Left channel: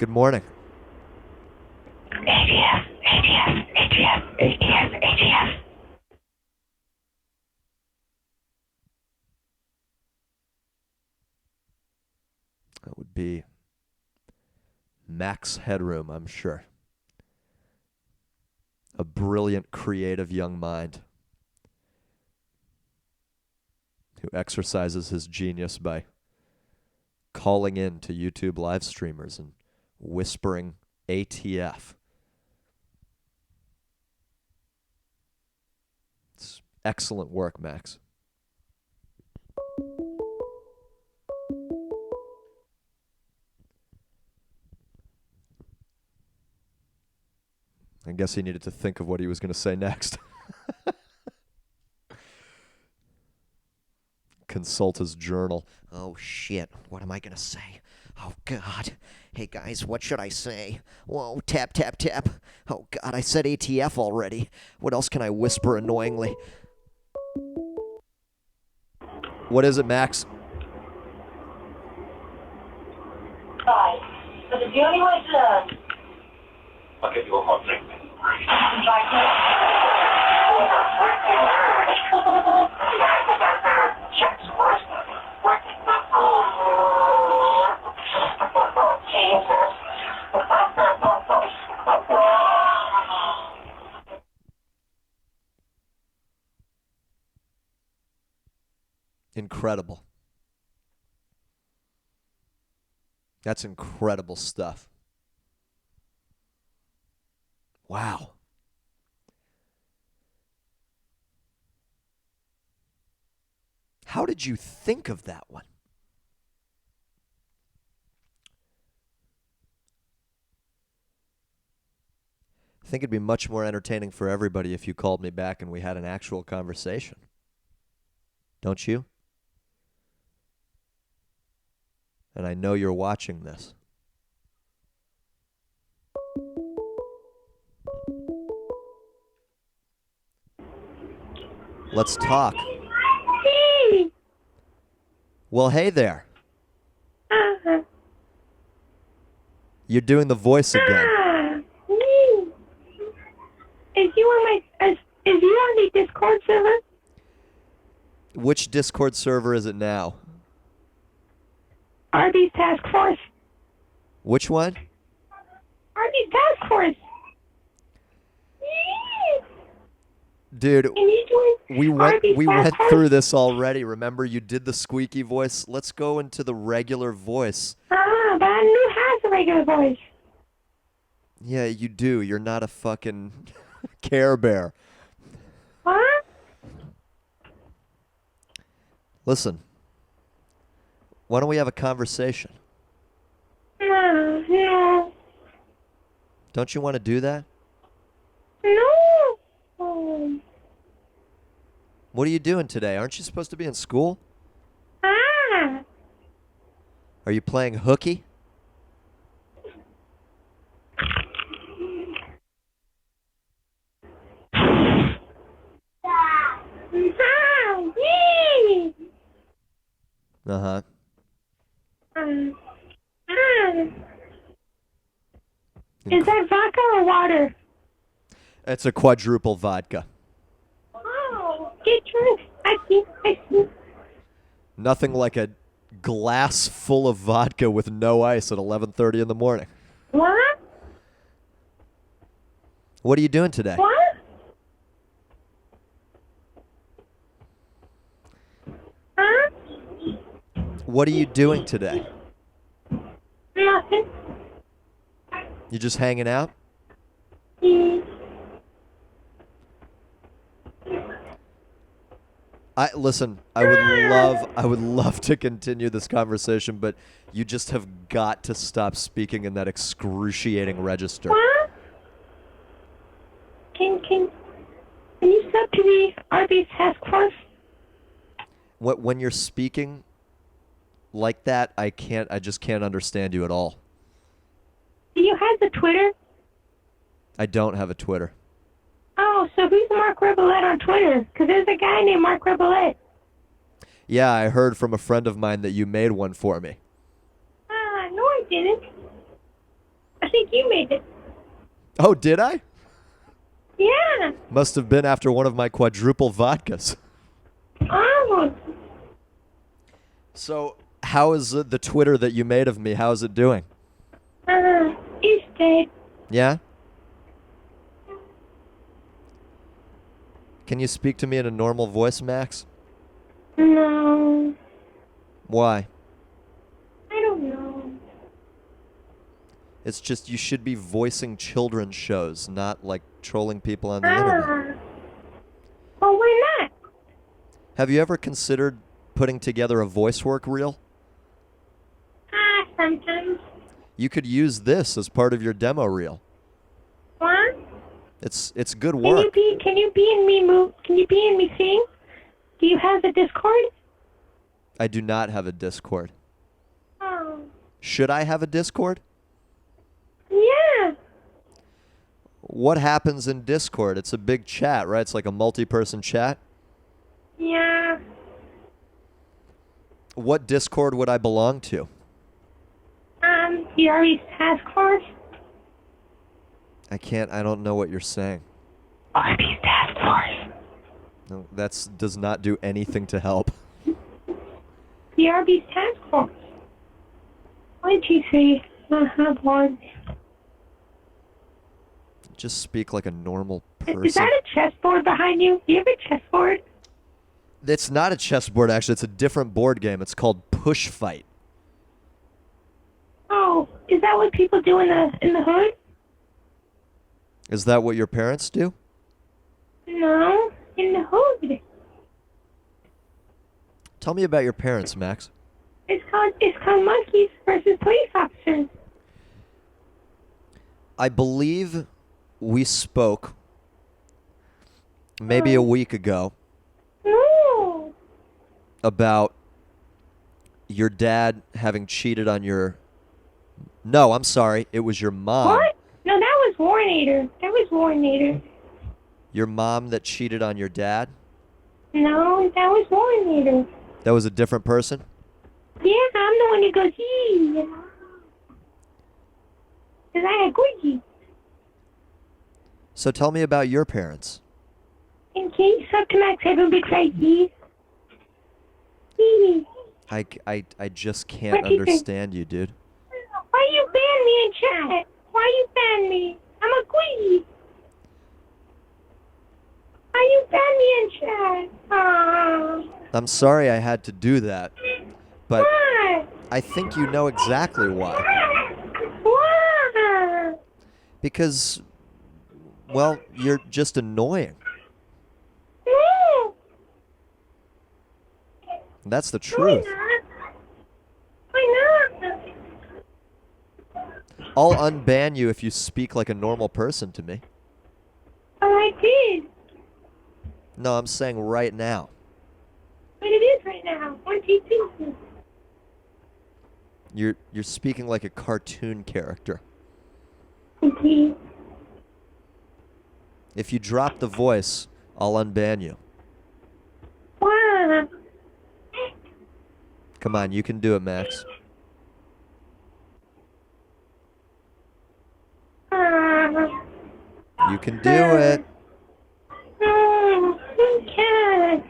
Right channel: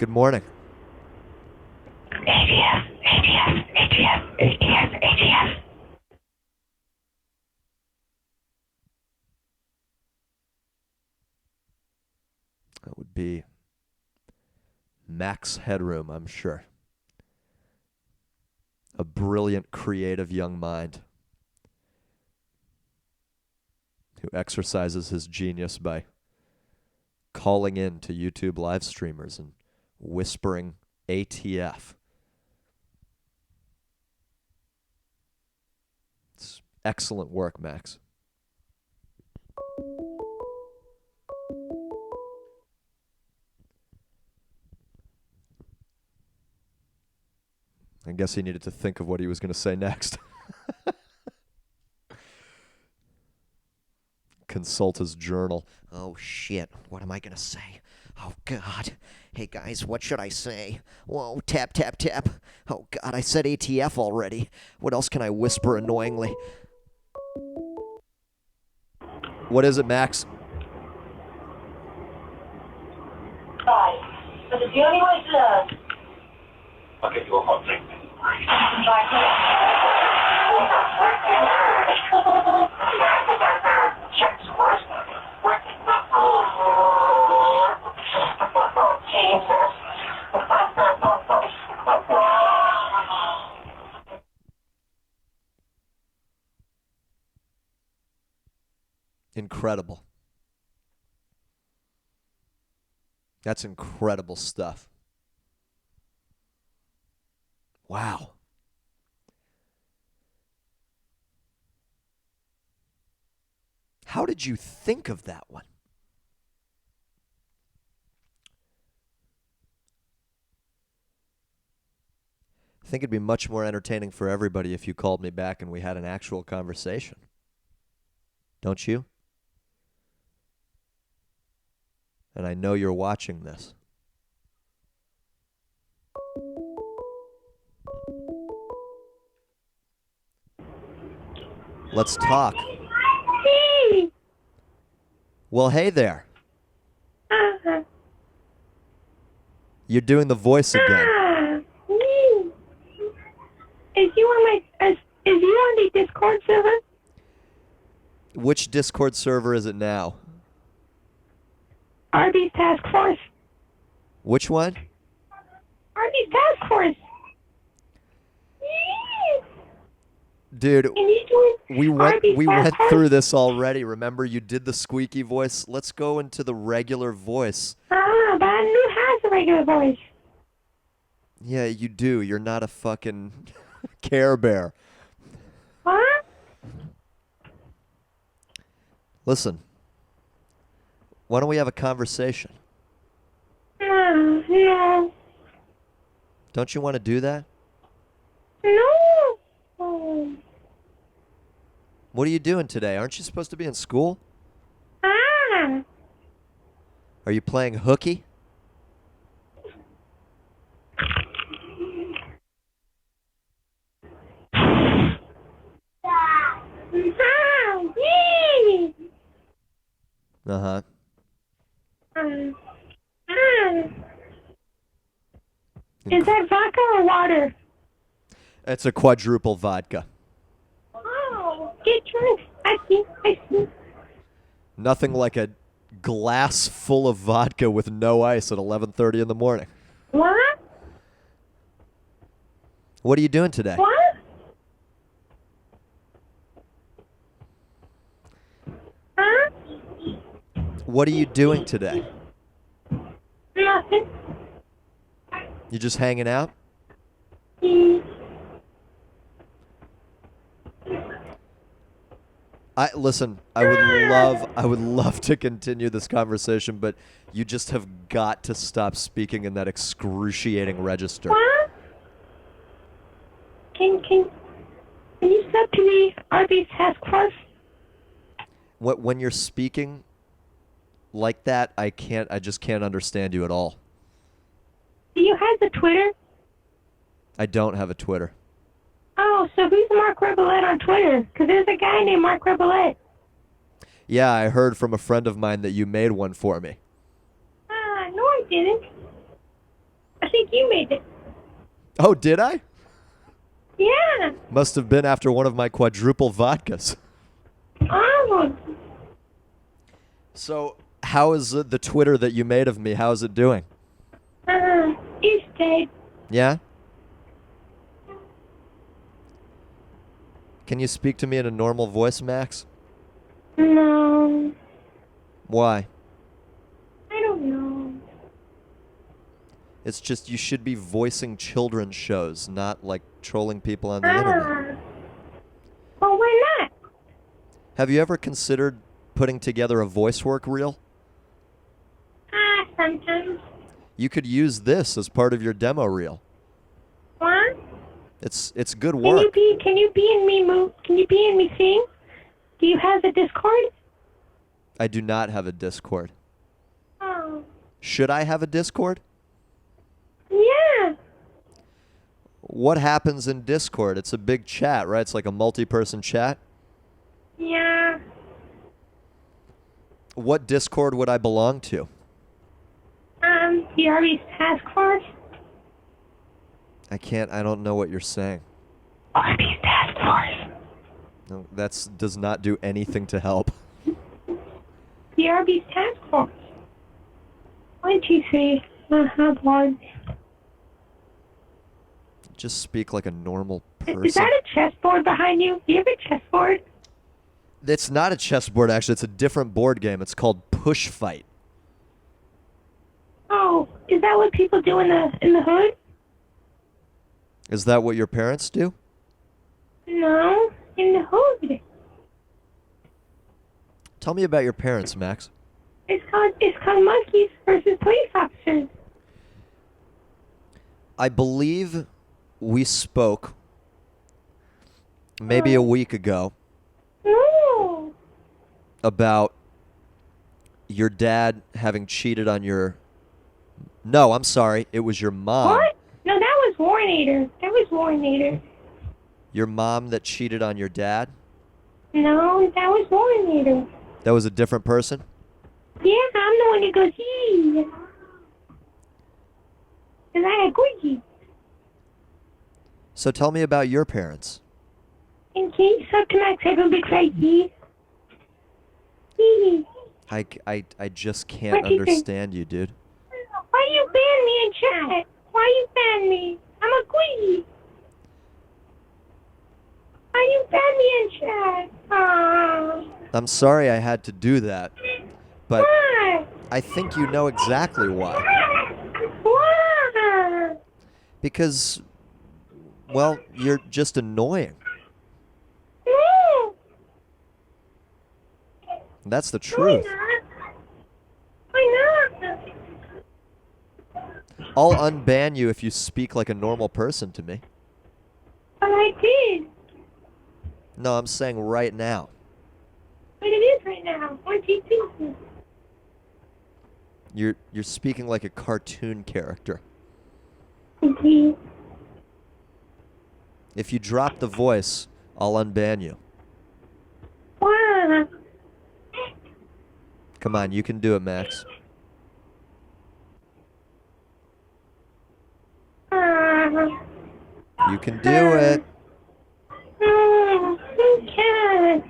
Good morning. ATF, ATF, ATF, ATF, ATF. That would be Max Headroom, I'm sure. A brilliant, creative young mind who exercises his genius by calling in to YouTube live streamers and whispering ATF. It's excellent work, Max. I guess he needed to think of what he was going to say next. Consult his journal. Oh, shit. What am I going to say? Oh, God. Hey, guys, what should I say? Whoa, tap, tap, tap. Oh, God, I said ATF already. What else can I whisper annoyingly? What is it, Max? Guys, but the only way to... I'll give you one more thing. Incredible. That's incredible stuff. Wow. How did you think of that one? I think it'd be much more entertaining for everybody if you called me back and we had an actual conversation. Don't you? And I know you're watching this. Let's talk. Well, hey there. You're doing the voice again. Is you on the Discord server? Which Discord server is it now? Arby's Task Force. Which one? Arby's Task Force. Dude, And you doing we Arby's went Task Force? through this already. Remember, you did the squeaky voice. Let's go into the regular voice. But I knew has a regular voice. Yeah, you do. You're not a fucking Care Bear. What? Listen, why don't we have a conversation? No. Don't you want to do that? No. What are you doing today? Aren't you supposed to be in school? Ah. Are you playing hooky? Uh-huh. Is that vodka or water? It's a quadruple vodka. Oh, get drunk. I see. Nothing like a glass full of vodka with no ice at 11:30 in the morning. What? What are you doing today? What? Huh? What are you doing today? Nothing. You just hanging out? Mm. Listen, I would love to continue this conversation, but you just have got to stop speaking in that excruciating register. What? Can you step to the Arby's Task Force? When you're speaking like that, I just can't understand you at all. Do you have the Twitter? I don't have a Twitter. Oh, so who's Marc Rebillet on Twitter? Because there's a guy named Marc Rebillet. Yeah, I heard from a friend of mine that you made one for me. No, I didn't. think you made it. Oh, did I? Yeah. Must have been after one of my quadruple vodkas. Oh. So, how is the Twitter that you made of me? How is it doing? He's dead. Yeah? Can you speak to me in a normal voice, Max? No. Why? I don't know. It's just you should be voicing children's shows, not like trolling people on the internet. Well, why not? Have you ever considered putting together a voice work reel? Sometimes. You could use this as part of your demo reel. What? It's good Can work. you be in me move? Can you be in me sing? Do you have the Discord? I do not have a Discord. Oh. Should I have a Discord? Yeah. What happens in Discord? It's a big chat, right? It's like a multi-person chat. Yeah. What Discord would I belong to? The Arby's Task Force? I don't know what you're saying. Arby's Task Force. No, does not do anything to help. The Arby's Task Force. 1, 2, 3. Board. Just speak like a normal person. Is that a chessboard behind you? Do you have a chessboard? It's not a chessboard, actually. It's a different board game. It's called Push Fight. Oh, is that what people do in the hood? Is that what your parents do? No, in the hood. Tell me about your parents, Max. It's called monkeys versus police officers. I believe we spoke maybe a week ago No. about your dad having cheated on your... No, I'm sorry. It was your mom. What? No, that was Warnator. That was Warnator. Your mom that cheated on your dad? No, that was Warnator. That was a different person? Yeah, I'm the one who goes, yee. Because I had Quickie. So tell me about your parents. And can you suck to Max have a big fat yee? Yee. I just can't What do you think? understand you, dude. Why you ban me in chat? Why you ban me? I'm a Quickie. Why you ban me in chat? Aww. I'm sorry I had to do that, but Why? I think you know exactly why. Why? Because, well, you're just annoying. No. That's the truth. Why not? I'll unban you if you speak like a normal person to me. But I did. No, I'm saying right now. But it is right now. 1, 2, 2. You're speaking like a cartoon character. Okay. If you drop the voice, I'll unban you. Why? Come on, you can do it, Max. You can do it. No, you can't.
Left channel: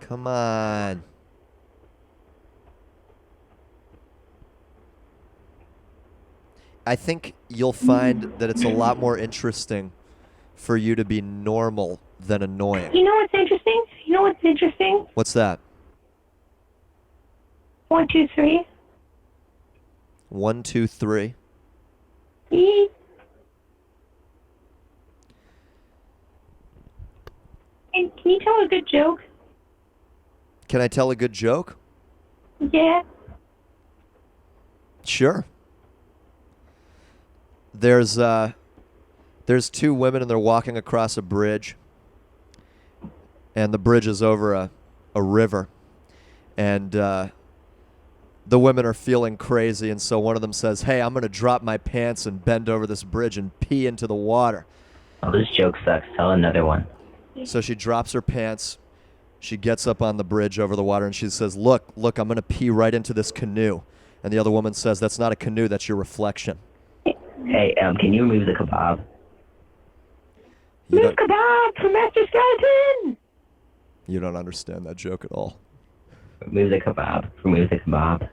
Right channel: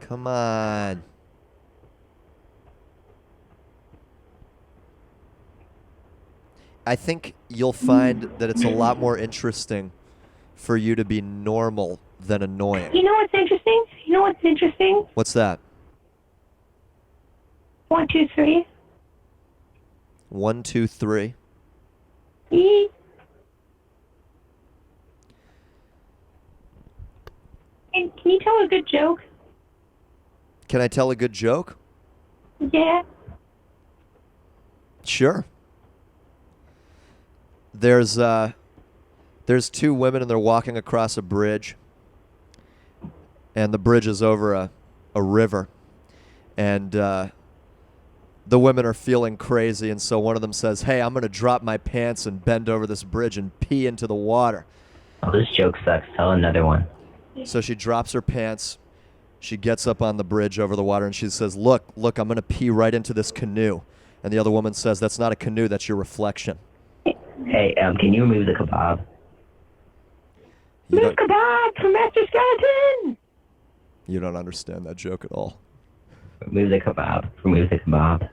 Come on. I think you'll find that it's a lot more interesting for you to be normal than annoying. You know what's interesting? You know what's interesting? What's that? 1, 2, 3. 1, 2, 3. Yee. And can you tell a good joke? Can I tell a good joke? Yeah. Sure. There's two women and they're walking across a bridge, and the bridge is over a river, and the women are feeling crazy, and so one of them says, "Hey, I'm gonna drop my pants and bend over this bridge and pee into the water." Oh, this joke sucks. Tell another one. So she drops her pants, she gets up on the bridge over the water, and she says, look, I'm going to pee right into this canoe. And the other woman says, that's not a canoe, that's your reflection. Hey, can you remove the kebab? You Move don't, kebab from Master Skeleton! you don't understand that joke at all. Remove the kebab. Remove the kebab.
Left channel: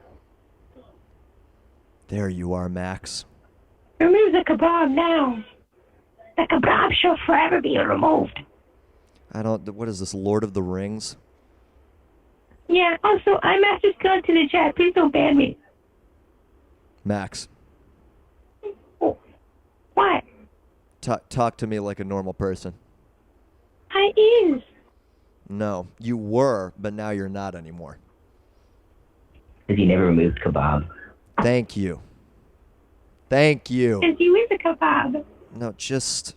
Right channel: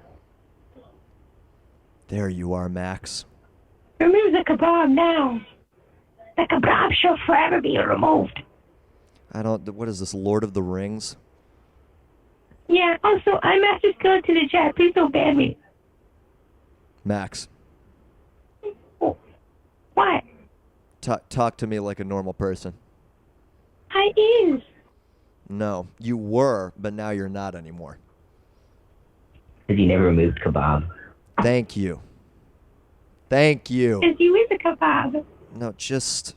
There you are, Max. Remove the kebab now. The kebab shall forever be removed. What is this, Lord of the Rings? Yeah, also, I'm Master Skeleton in chat. Please don't ban me. Max, Oh, what? talk to me like a normal person. I is. No, you were, but now you're not anymore. Because you never removed kebab. Thank you. Thank you. Because you is a kebab. No, just...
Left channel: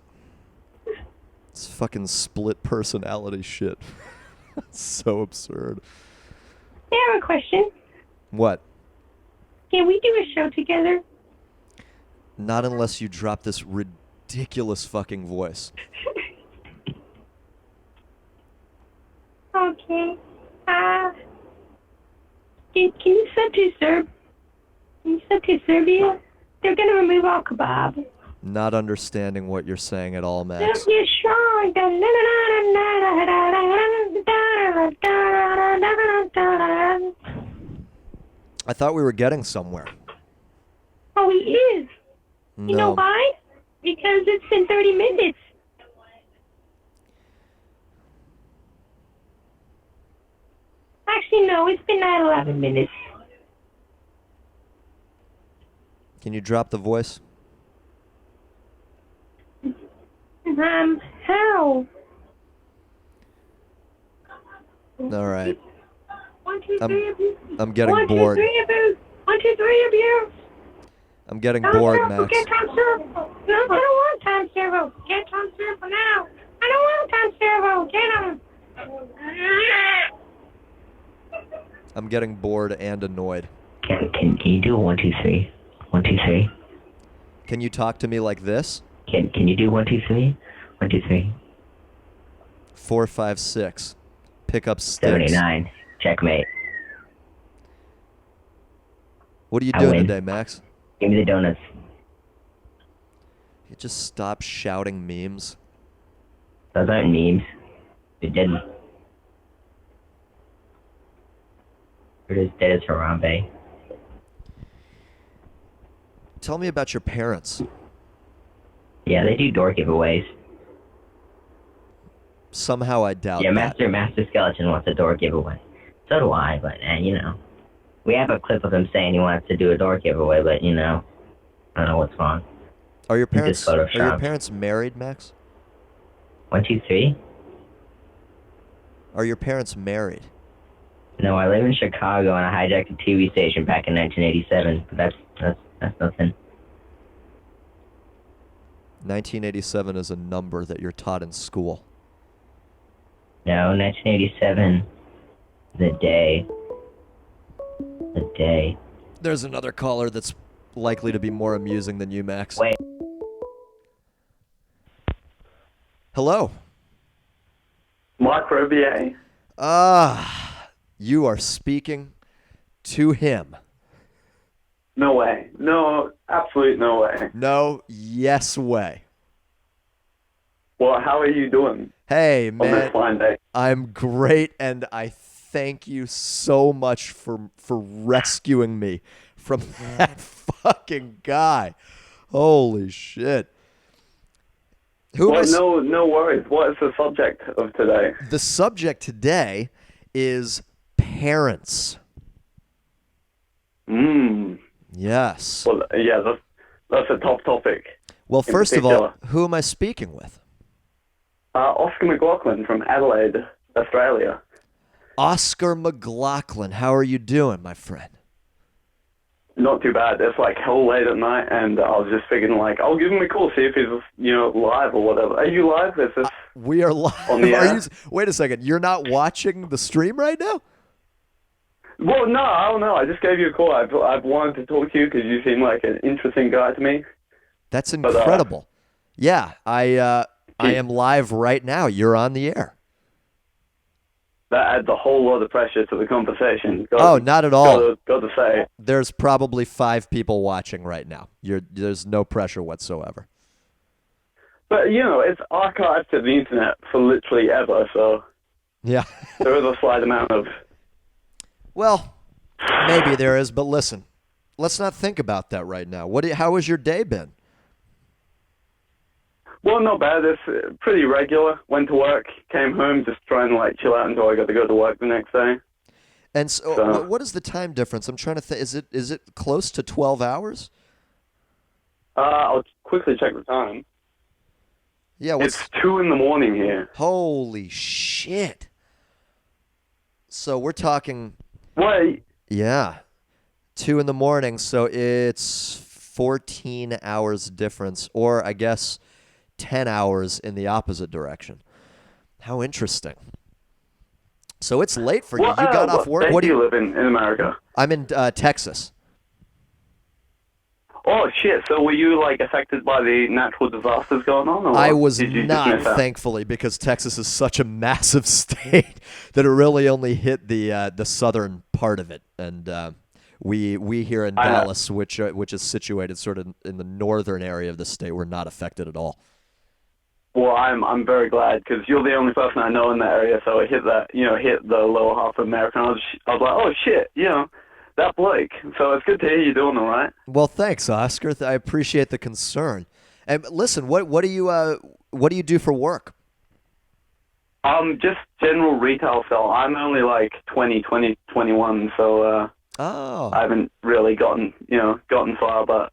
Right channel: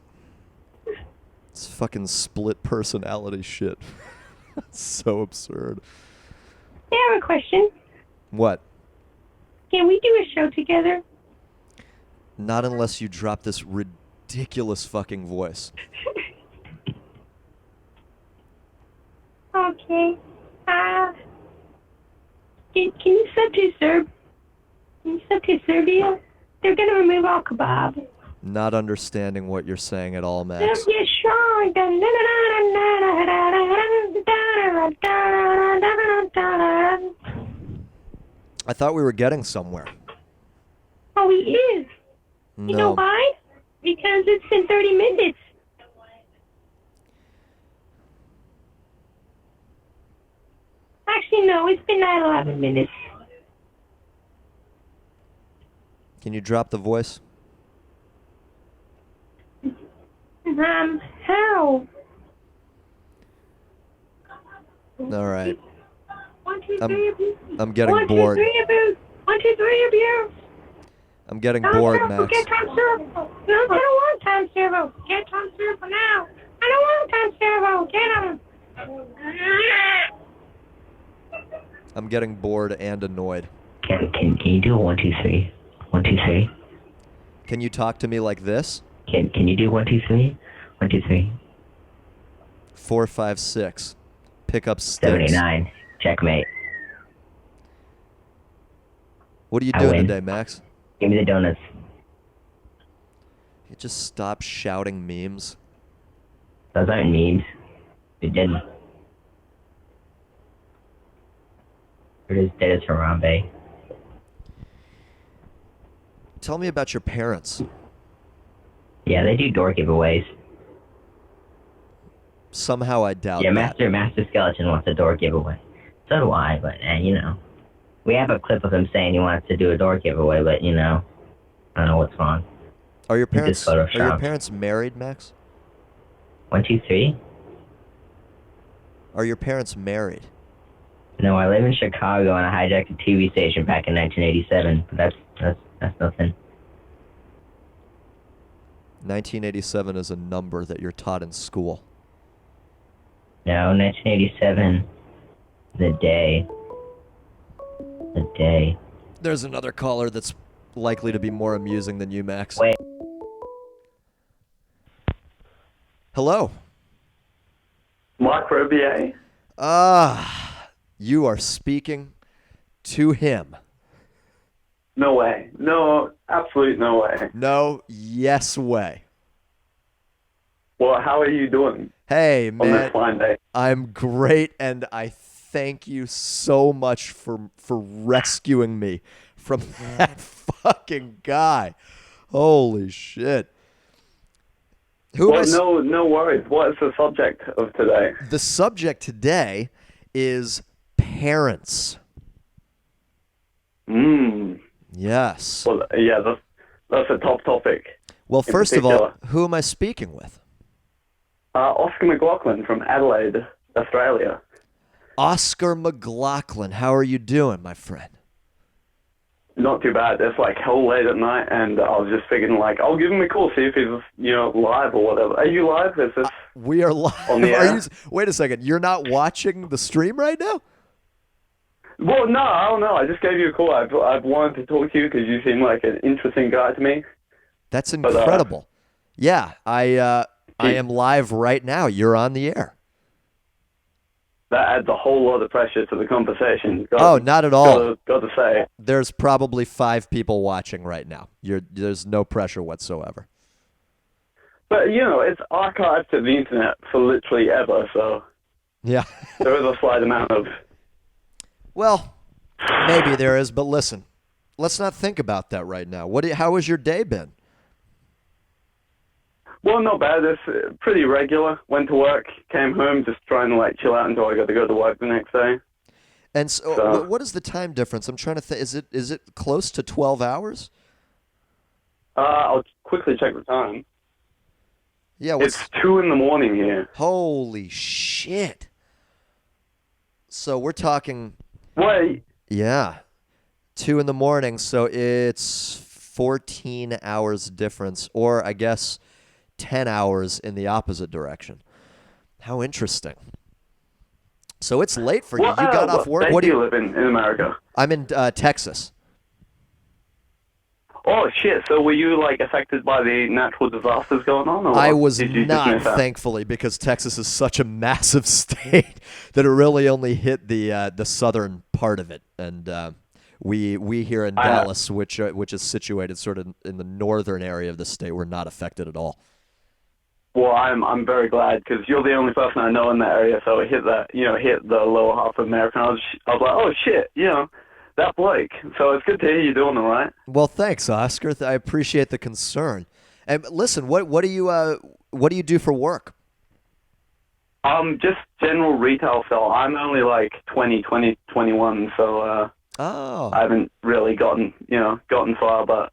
It's fucking split personality shit. It's so absurd. I have a question. What? Can we do a show together? Not unless you drop this ridiculous fucking voice. Okay. Can you sub to Serb? Can you sub to Serbia? They're gonna remove all kebab. Not understanding what you're saying at all, Max. Serbia strong. I thought we were getting somewhere. Oh, he is. You know No. why? Because it's been 30 minutes. Actually, no, it's been 11 minutes. Can you drop the voice? How? All right. 1, 2, 3 of you. I'm getting 1, 2, bored. 3 of you. 1, 2, 3 of you. I'm getting Tom bored, Servo, Max. Get Tom Servo. No, I don't want Tom Servo. Get Tom Servo now. I don't want Tom Servo. Get him. I'm getting bored and annoyed. Can you do a 1, 2, 3? 1, 2, 3. Can you talk to me like this? Can you do 1, 2, 3? 1, 2, 3. 4, 5, 6. Pick up sticks. 79. Checkmate. What are you I doing win. today, Max? Give me the donuts. You just stop shouting memes. Those aren't memes. They didn't. It is dead as Harambe. Tell me about your parents. Yeah, they do door giveaways. Somehow I doubt Yeah, that. Master Skeleton wants a door giveaway. So do I, but, you know. We have a clip of him saying he wants to do a door giveaway, but, you know, I don't know what's wrong. Are your He just parents photoshopped. married, Max? 1, 2, 3? Are your parents married? No, I live in Chicago and I hijacked a TV station back in 1987, but that's nothing. 1987 is a number that you're taught in school. No, 1987, the day. The day. There's another caller that's likely to be more amusing than you, Max. Wait. Hello. Marc Rebillet. You are speaking to him. No way. No, absolute no way. No, yes way. Well, how are you doing Hey, on man. this fine day? I'm great, and I thank you so much for rescuing me from that fucking guy. Holy shit. Who am I? Well, no worries. What is the subject of today? The subject today is parents. Yes. Well, yeah, that's a top topic. Well, in first of all, particular. who am I speaking with? Oscar McLaughlin from Adelaide, Australia. Oscar McLaughlin. How are you doing, my friend? Not too bad. It's like hell late at night, and I was just figuring, like, I'll give him a call, see if he's, live or whatever. Are you live? Is this We are live. on the Are air? you? Wait a second. You're not watching the stream right now? Well, no, I don't know. I just gave you a call. I've wanted to talk to you because you seem like an interesting guy to me. That's incredible. Yeah, I am live right now. You're on the air. that adds a whole lot of pressure to the conversation. Oh, not at all. Got to say. There's probably 5 people watching right now. There's no pressure whatsoever. But, it's archived to the internet for literally ever, so Yeah. there is a slight amount of... Well, maybe there is, but listen, let's not think about that right now. How has your day been? Well, not bad. It's pretty regular. Went to work, came home, just trying to, chill out until I got to go to work the next day. And so, what is the time difference? I'm trying to think. Is it close to 12 hours? I'll quickly check the time. Yeah, It's 2 in the morning here. Holy shit. So we're talking... Wait. Yeah. 2 in the morning, so it's 14 hours difference, or I guess 10 hours in the opposite direction. How interesting. So it's late for you. You got off work. What do you live in America? I'm in Texas. Oh, shit. So were you, affected by the natural disasters going on? Or I was did you just not, miss out? thankfully, because Texas is such a massive state that it really only hit the southern part of it. And we here in Dallas, which is situated sort of in the northern area of the state, were not affected at all. Well, I'm very glad, because you're the only person I know in that area, so it hit hit the lower half of America. And I was like, oh, shit, that Blake. So it's good to hear you doing all right. Well, thanks, Oscar. I appreciate the concern. And listen, what do you do for work? Just general retail stuff. I'm only 21, so Oh. I haven't really gotten far, but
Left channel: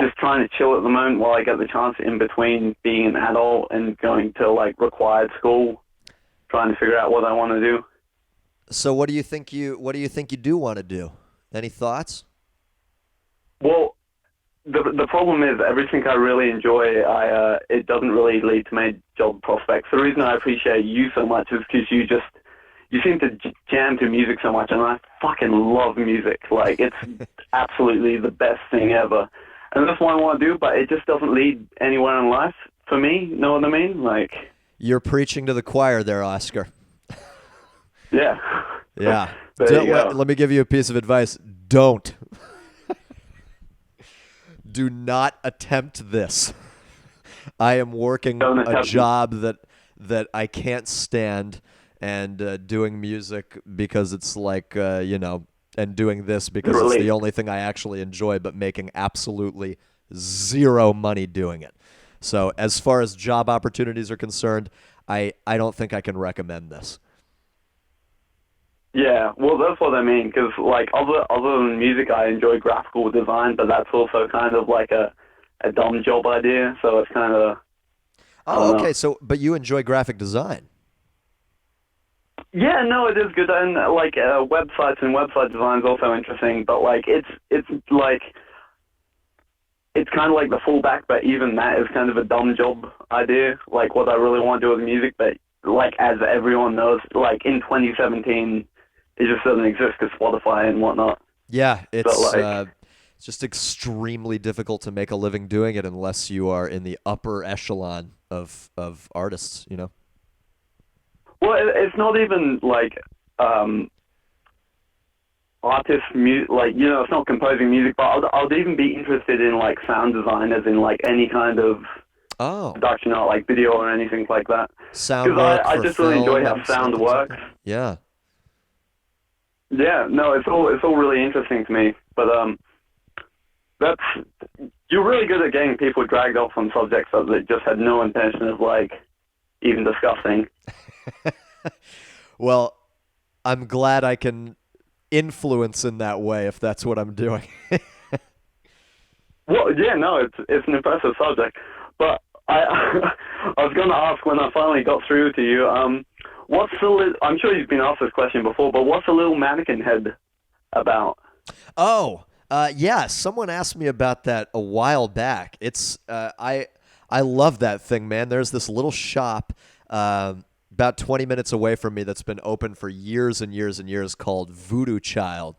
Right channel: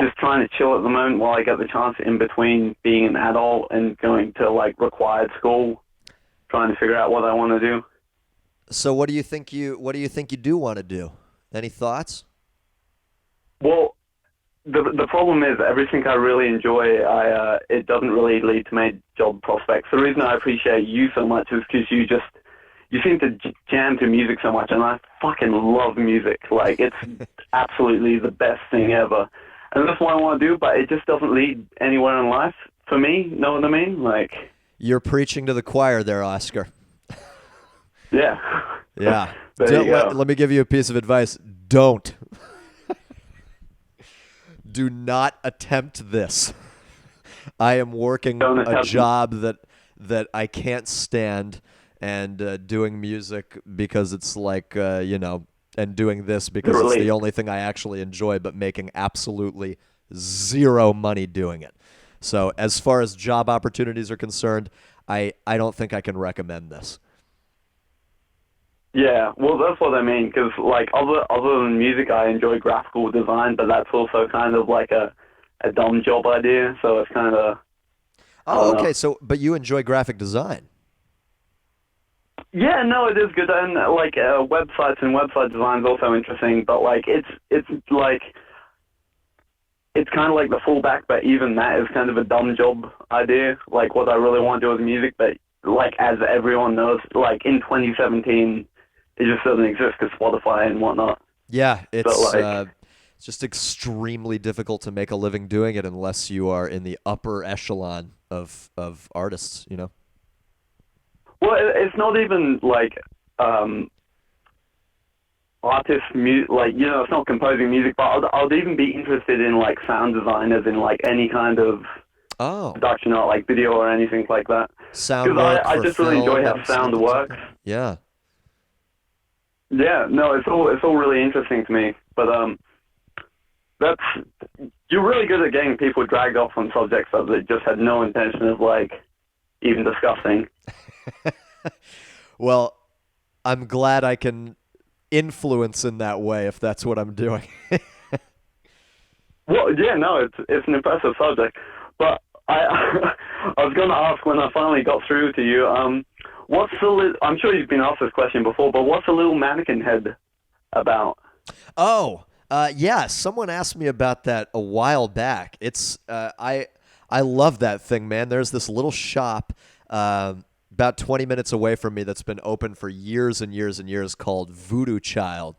just trying to chill at the moment while I get the chance in between being an adult and going to required school, trying to figure out what I want to do. So what do you think you do want to do? Any thoughts? Well, the problem is everything I really enjoy, it doesn't really lead to my job prospects. The reason I appreciate you so much is because you seem to jam to music so much, and I fucking love music. It's absolutely the best thing ever. And that's what I want to do, but it just doesn't lead anywhere in life for me. Know what I mean? You're preaching to the choir there, Oscar. Yeah. Yeah. There you go. Let me give you a piece of advice. Don't. Do not attempt this. I am working a job that I can't stand, and doing music because it's and doing this because it's the only thing I actually enjoy, but making absolutely zero money doing it. So as far as job opportunities are concerned, I don't think I can recommend this. Yeah, well, that's what I mean, because, other than music, I enjoy graphical design, but that's also kind of a dumb job idea, so it's kind of... Oh, okay, but you enjoy graphic design. Yeah, no, it is good, and, websites and website design is also interesting, but, it's kind of the fallback, but even that is kind of a dumb job idea, what I really want to do with music, but, as everyone knows, in 2017... it just doesn't exist because Spotify and whatnot. Yeah, it's just extremely difficult to make a living doing it unless you are in the upper echelon of artists, Well, it's not even artist music, it's not composing music, but I'd even be interested in sound design, as in any kind of production art, video or anything like that. Sound work I for just really enjoy film how and sound things works. like that. Yeah. Yeah, no, it's all really interesting to me. But you're really good at getting people dragged off on subjects that they just had no intention of even discussing. Well, I'm glad I can influence in that way if that's what I'm doing. Well, yeah, no, it's an impressive subject. But I was going to ask when I finally got through to you. I'm sure you've been asked this question before, but what's a little mannequin head about? Oh, yeah. Someone asked me about that a while back. It's I love that thing, man. There's this little shop about 20 minutes away from me that's been open for years and years and years called Voodoo Child,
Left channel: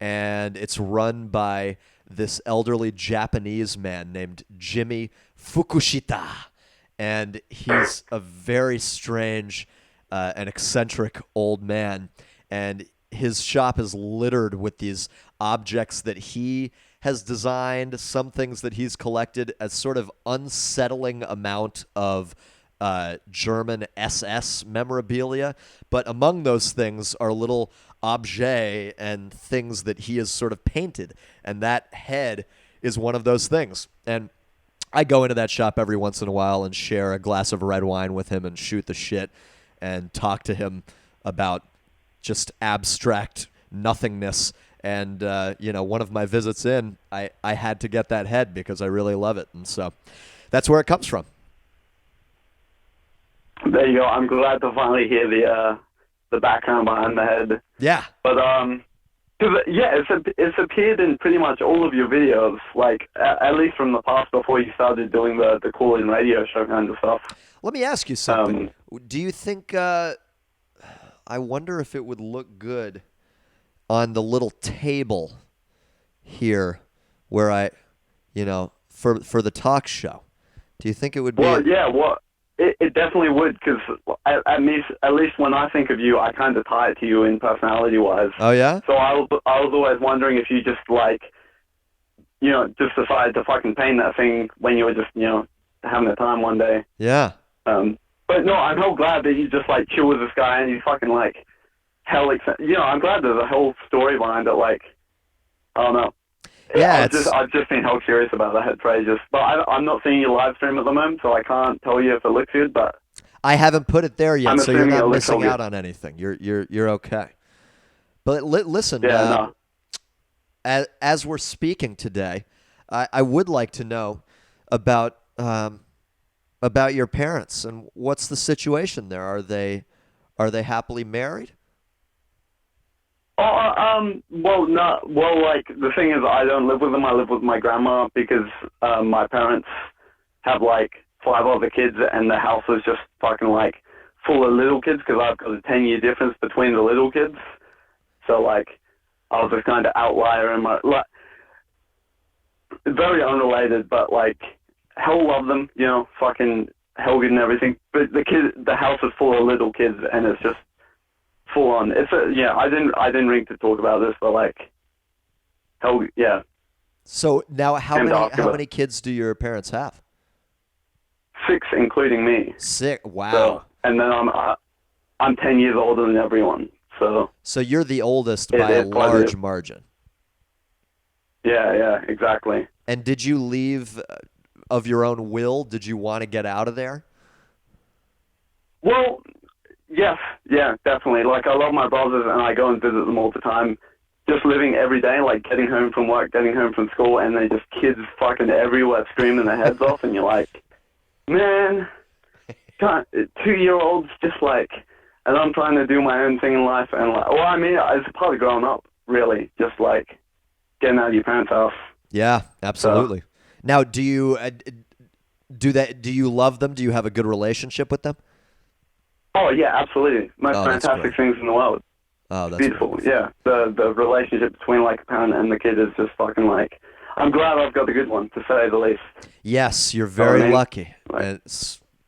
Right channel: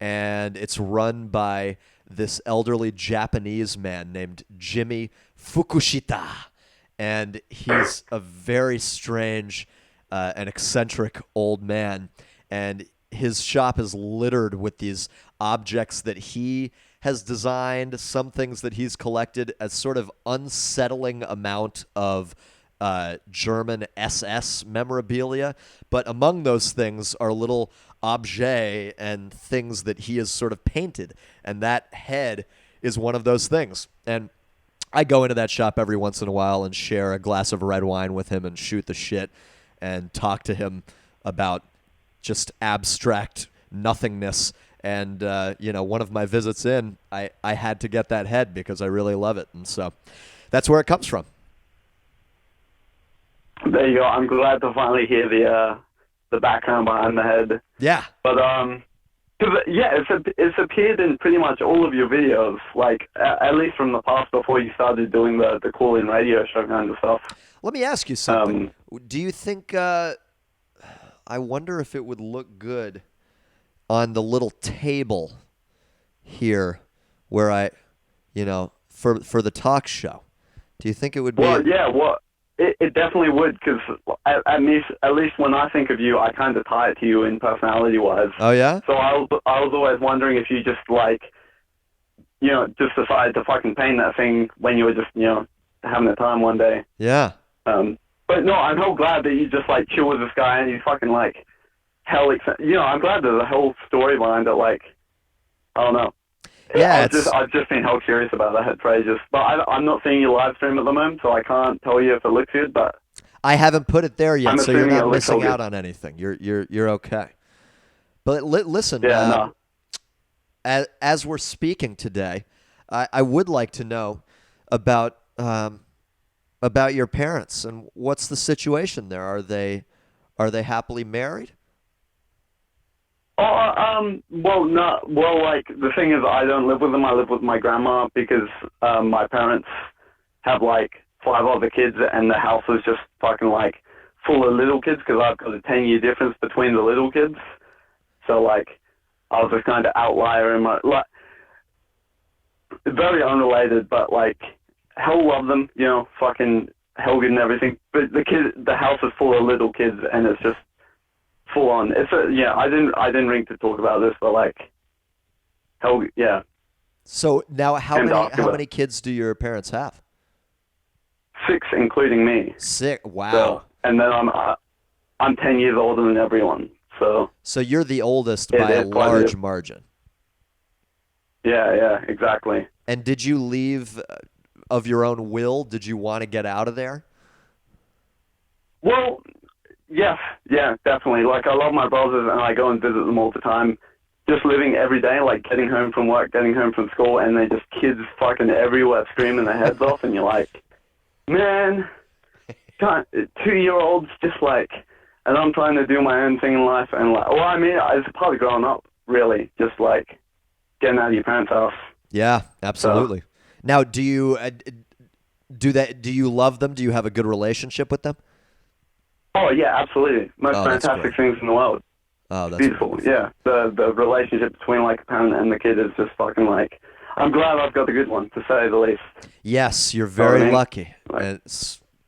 and it's run by this elderly Japanese man named Jimmy Fukushita, and he's a very strange an eccentric old man, and his shop is littered with these objects that he has designed, some things that he's collected, as sort of unsettling amount of German SS memorabilia. But among those things are little objets and things that he has sort of painted, and that head is one of those things. And I go into that shop every once in a while and share a glass of red wine with him and shoot the shit and talk to him about just abstract nothingness. And, one of my visits in, I had to get that head because I really love it. And so that's where it comes from. There you go. I'm glad to finally hear the background behind the head. Yeah. But, it's appeared in pretty much all of your videos, like, at least from the past before you started doing the call-in radio show kind of stuff. Let me ask you something. Do you think, I wonder if it would look good on the little table here where for the talk show? Do you think it would be? Well, it definitely would, because at least when I think of you, I kind of tie it to you in personality-wise. Oh, yeah? So I was always wondering if you just, just decided to fucking paint that thing when you were just, having a time one day. Yeah. But no, I'm so glad that you just, chill with this guy and he's fucking, I'm glad there's a whole story behind it, I don't know. Yeah, I've just been hell curious about that head for ages. But I'm not seeing your live stream at the moment, so I can't tell you if it looks good, but I haven't put it there yet, so you're not missing good. out on anything. You're okay. But listen, as we're speaking today, I would like to know about your parents and what's the situation there. Are they happily married? The thing is, I don't live with them. I live with my grandma because my parents have 5 other kids, and the house is just fucking full of little kids because I've got a 10-year difference between the little kids. So I was just kind of outlier in my very unrelated, but hell love them, fucking hell good and everything. But the house is full of little kids, and it's just full on. I didn't ring to talk about this, but hell yeah. So now, how many kids do your parents have? 6, including me. 6. Wow. So, and then I'm 10 years older than everyone. So you're the oldest by a large margin. Yeah, exactly. And did you leave of your own will? Did you want to get out of there? Well, yes, yeah, definitely. I love my brothers, and I go and visit them all the time. Just living every day, getting home from work, getting home from school, and they just kids fucking everywhere screaming their heads off, and you're man, 2-year-olds just and I'm trying to do my own thing in life, and it's part of growing up, really, just getting out of your parents' house. Yeah, absolutely. So, now, do you do that? Do you love them? Do you have a good relationship with them? Oh yeah, absolutely. Most fantastic things in the world. Oh, that's beautiful. Wonderful. Yeah, the relationship between a parent and the kid is just fucking I'm glad I've got a good one, to say the least. Yes, you're very lucky, and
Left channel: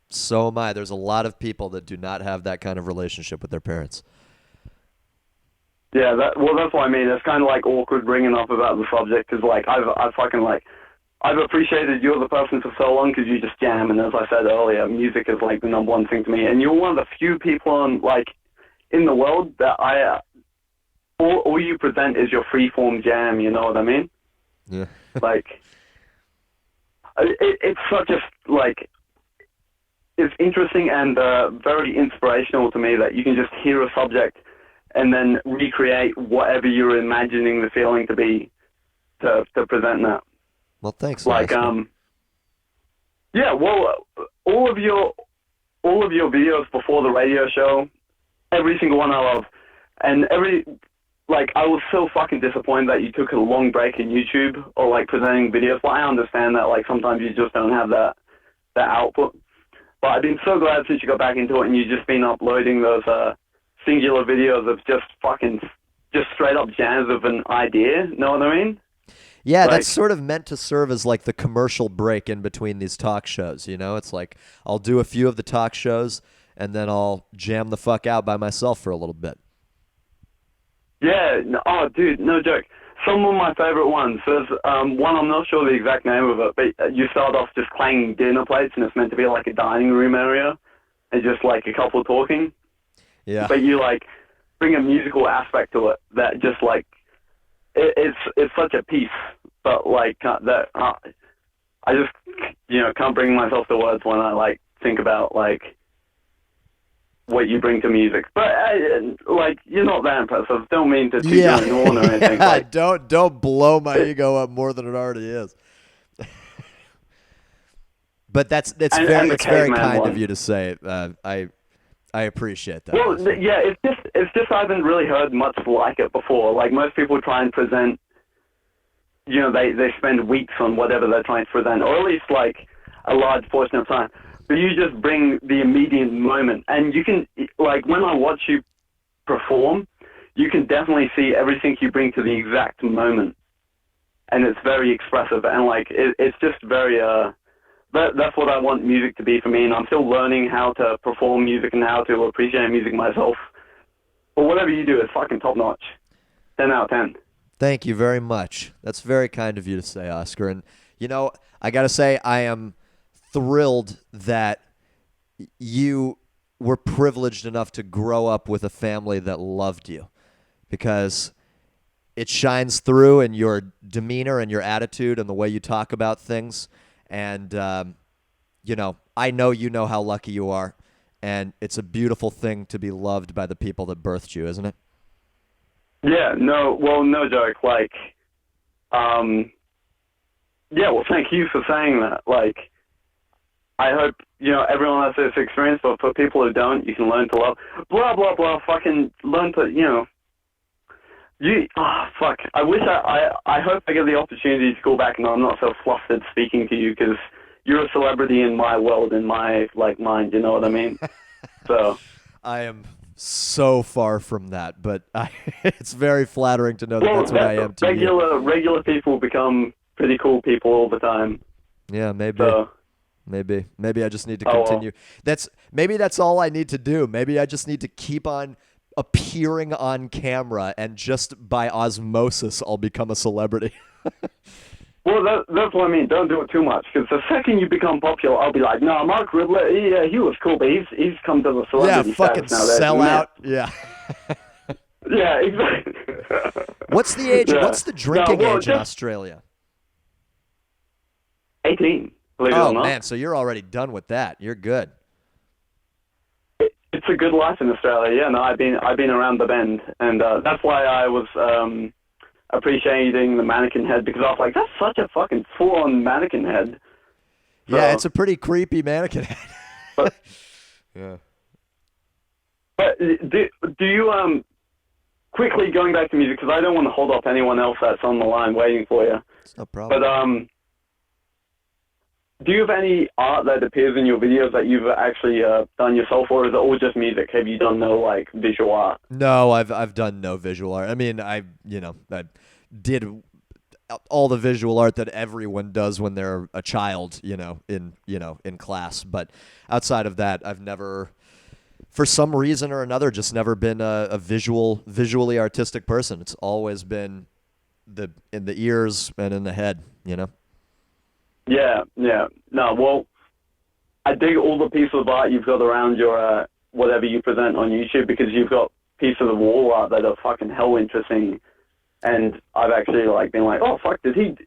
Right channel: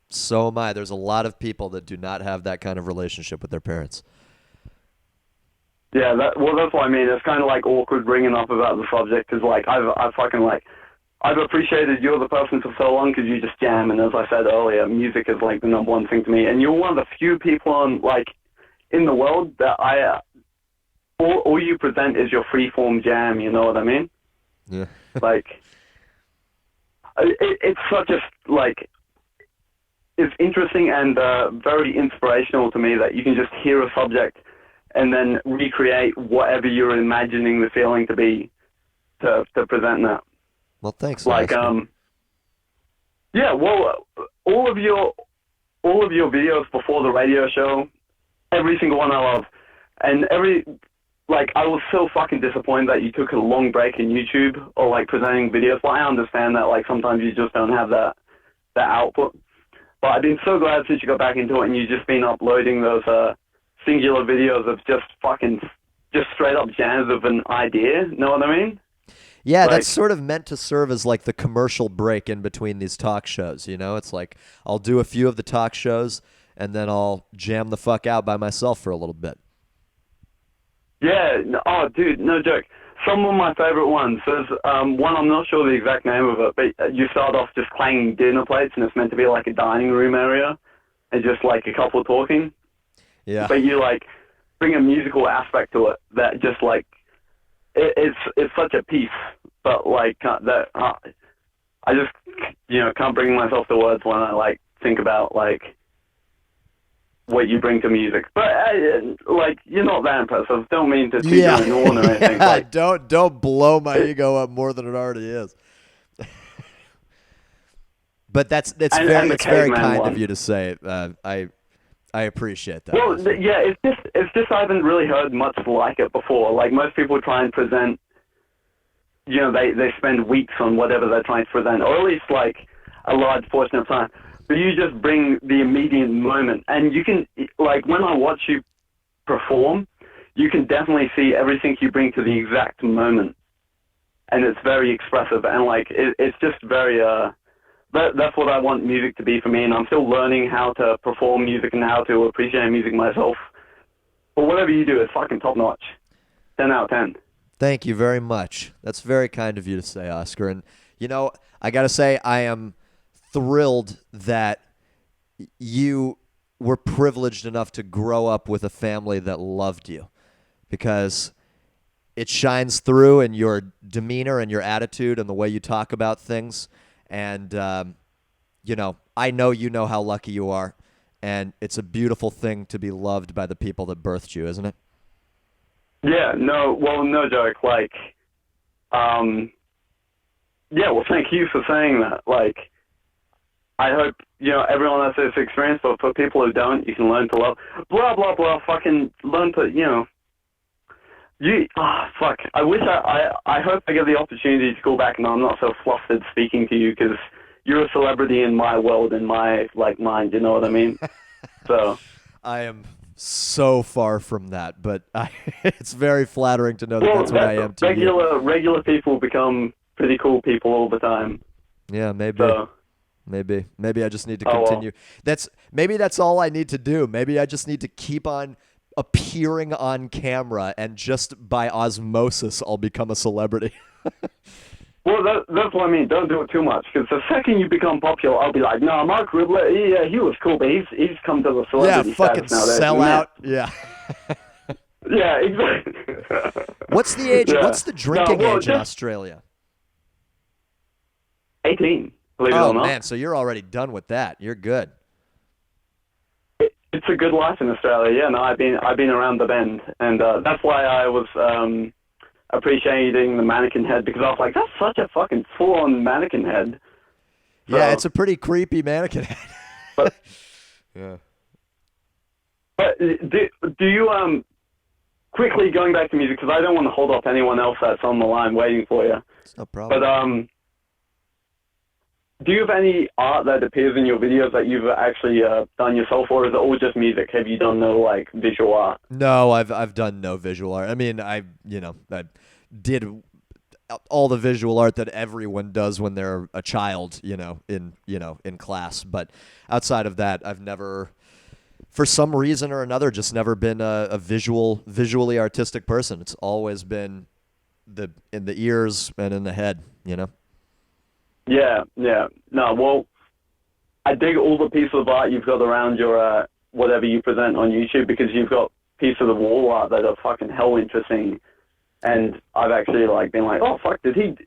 so am I. There's a lot of people that do not have that kind of relationship with their parents. Yeah, that's what I mean. It's kind of awkward bringing up about the subject, because I've appreciated you're the person for so long because you just jam, and as I said earlier, music is the number one thing to me, and you're one of the few people on in the world that all you present is your freeform jam. You know what I mean? Yeah. It's such a it's interesting and very inspirational to me that you can just hear a subject and then recreate whatever you're imagining the feeling to be to present that. Well, thanks. Yeah. Well, all of your videos before the radio show, every single one I love, and I was so fucking disappointed that you took a long break in YouTube or presenting videos. Well, I understand that sometimes you just don't have that output. But I've been so glad since you got back into it and you've just been uploading those singular videos of just straight up jams of an idea. Know what I mean? Yeah, that's sort of meant to serve as the commercial break in between these talk shows. It's I'll do a few of the talk shows, and then I'll jam the fuck out by myself for a little bit. Yeah. Oh, dude, no joke. Some of my favorite ones. There's one, I'm not sure the exact name of it, but you start off just clanging dinner plates, and it's meant to be like a dining room area, and just like a couple talking. Yeah. But you like bring a musical aspect to it that just like it's such a piece. But like that, I just can't bring myself to words when I like think about like what you bring to music. But like you're not that impressive. Don't mean to toot your own horn or anything. Like, don't blow my ego up more than it already is. But it's very kind of you to say. I appreciate that. Well, yeah, it's just I haven't really heard much like it before. Like most people try and present, they spend weeks on whatever they're trying to present, or at least like a large portion of time. But you just bring the immediate moment, and you can like when I watch you perform, you can definitely see everything you bring to the exact moment, and it's very expressive, and like it's just very That's what I want music to be for me, and I'm still learning how to perform music and how to appreciate music myself. But whatever you do is fucking top-notch. 10 out of 10. Thank you very much. That's very kind of you to say, Oscar. And, I got to say, I am thrilled that you were privileged enough to grow up with a family that loved you, because it shines through in your demeanor and your attitude and the way you talk about things. And, I know you know how lucky you are, and it's a beautiful thing to be loved by the people that birthed you, isn't it? Yeah, no joke. Like, thank you for saying that. Like, I hope, everyone has this experience, but for people who don't, you can learn to love. Blah, blah, blah, fucking learn to, fuck. I wish I hope I get the opportunity to go back and I'm not so flustered speaking to you, because you're a celebrity in my world, in my, mind, you know what I mean? So. I am so far from that, but it's very flattering to know that that's what I am to you. Regular people become pretty cool people all the time. Yeah, maybe. So. Maybe I just need to continue. Maybe that's all I need to do. Maybe I just need to keep on appearing on camera, and just by osmosis, I'll become a celebrity. Well, that's what I mean. Don't do it too much, because the second you become popular, I'll be like, no, Marc Rebillet, he was cool, but he's come to the celebrity fucking sell out. Yeah. Yeah, exactly. What's the age? Yeah. What's the drinking age in Australia? 18. Believe it or not. Man, so you're already done with that. You're good. It's a good life in Australia. Yeah, no, I've been around the bend, and that's why I was appreciating the mannequin head, because I was like, that's such a fucking full-on mannequin head. So, yeah, it's a pretty creepy mannequin head. But, yeah. But do you quickly going back to music, because I don't want to hold up anyone else that's on the line waiting for you. It's no problem. But do you have any art that appears in your videos that you've actually done yourself, or is it all just music? Have you done no visual art? No, I've done no visual art. I mean, I did all the visual art that everyone does when they're a child, in class. But outside of that, I've never, for some reason or another, just never been a visually artistic person. It's always been in the ears and in the head, Yeah. No, well, I dig all the pieces of art you've got around your whatever you present on YouTube, because you've got pieces of wall art that are fucking hell interesting. And I've actually been like, oh fuck, did he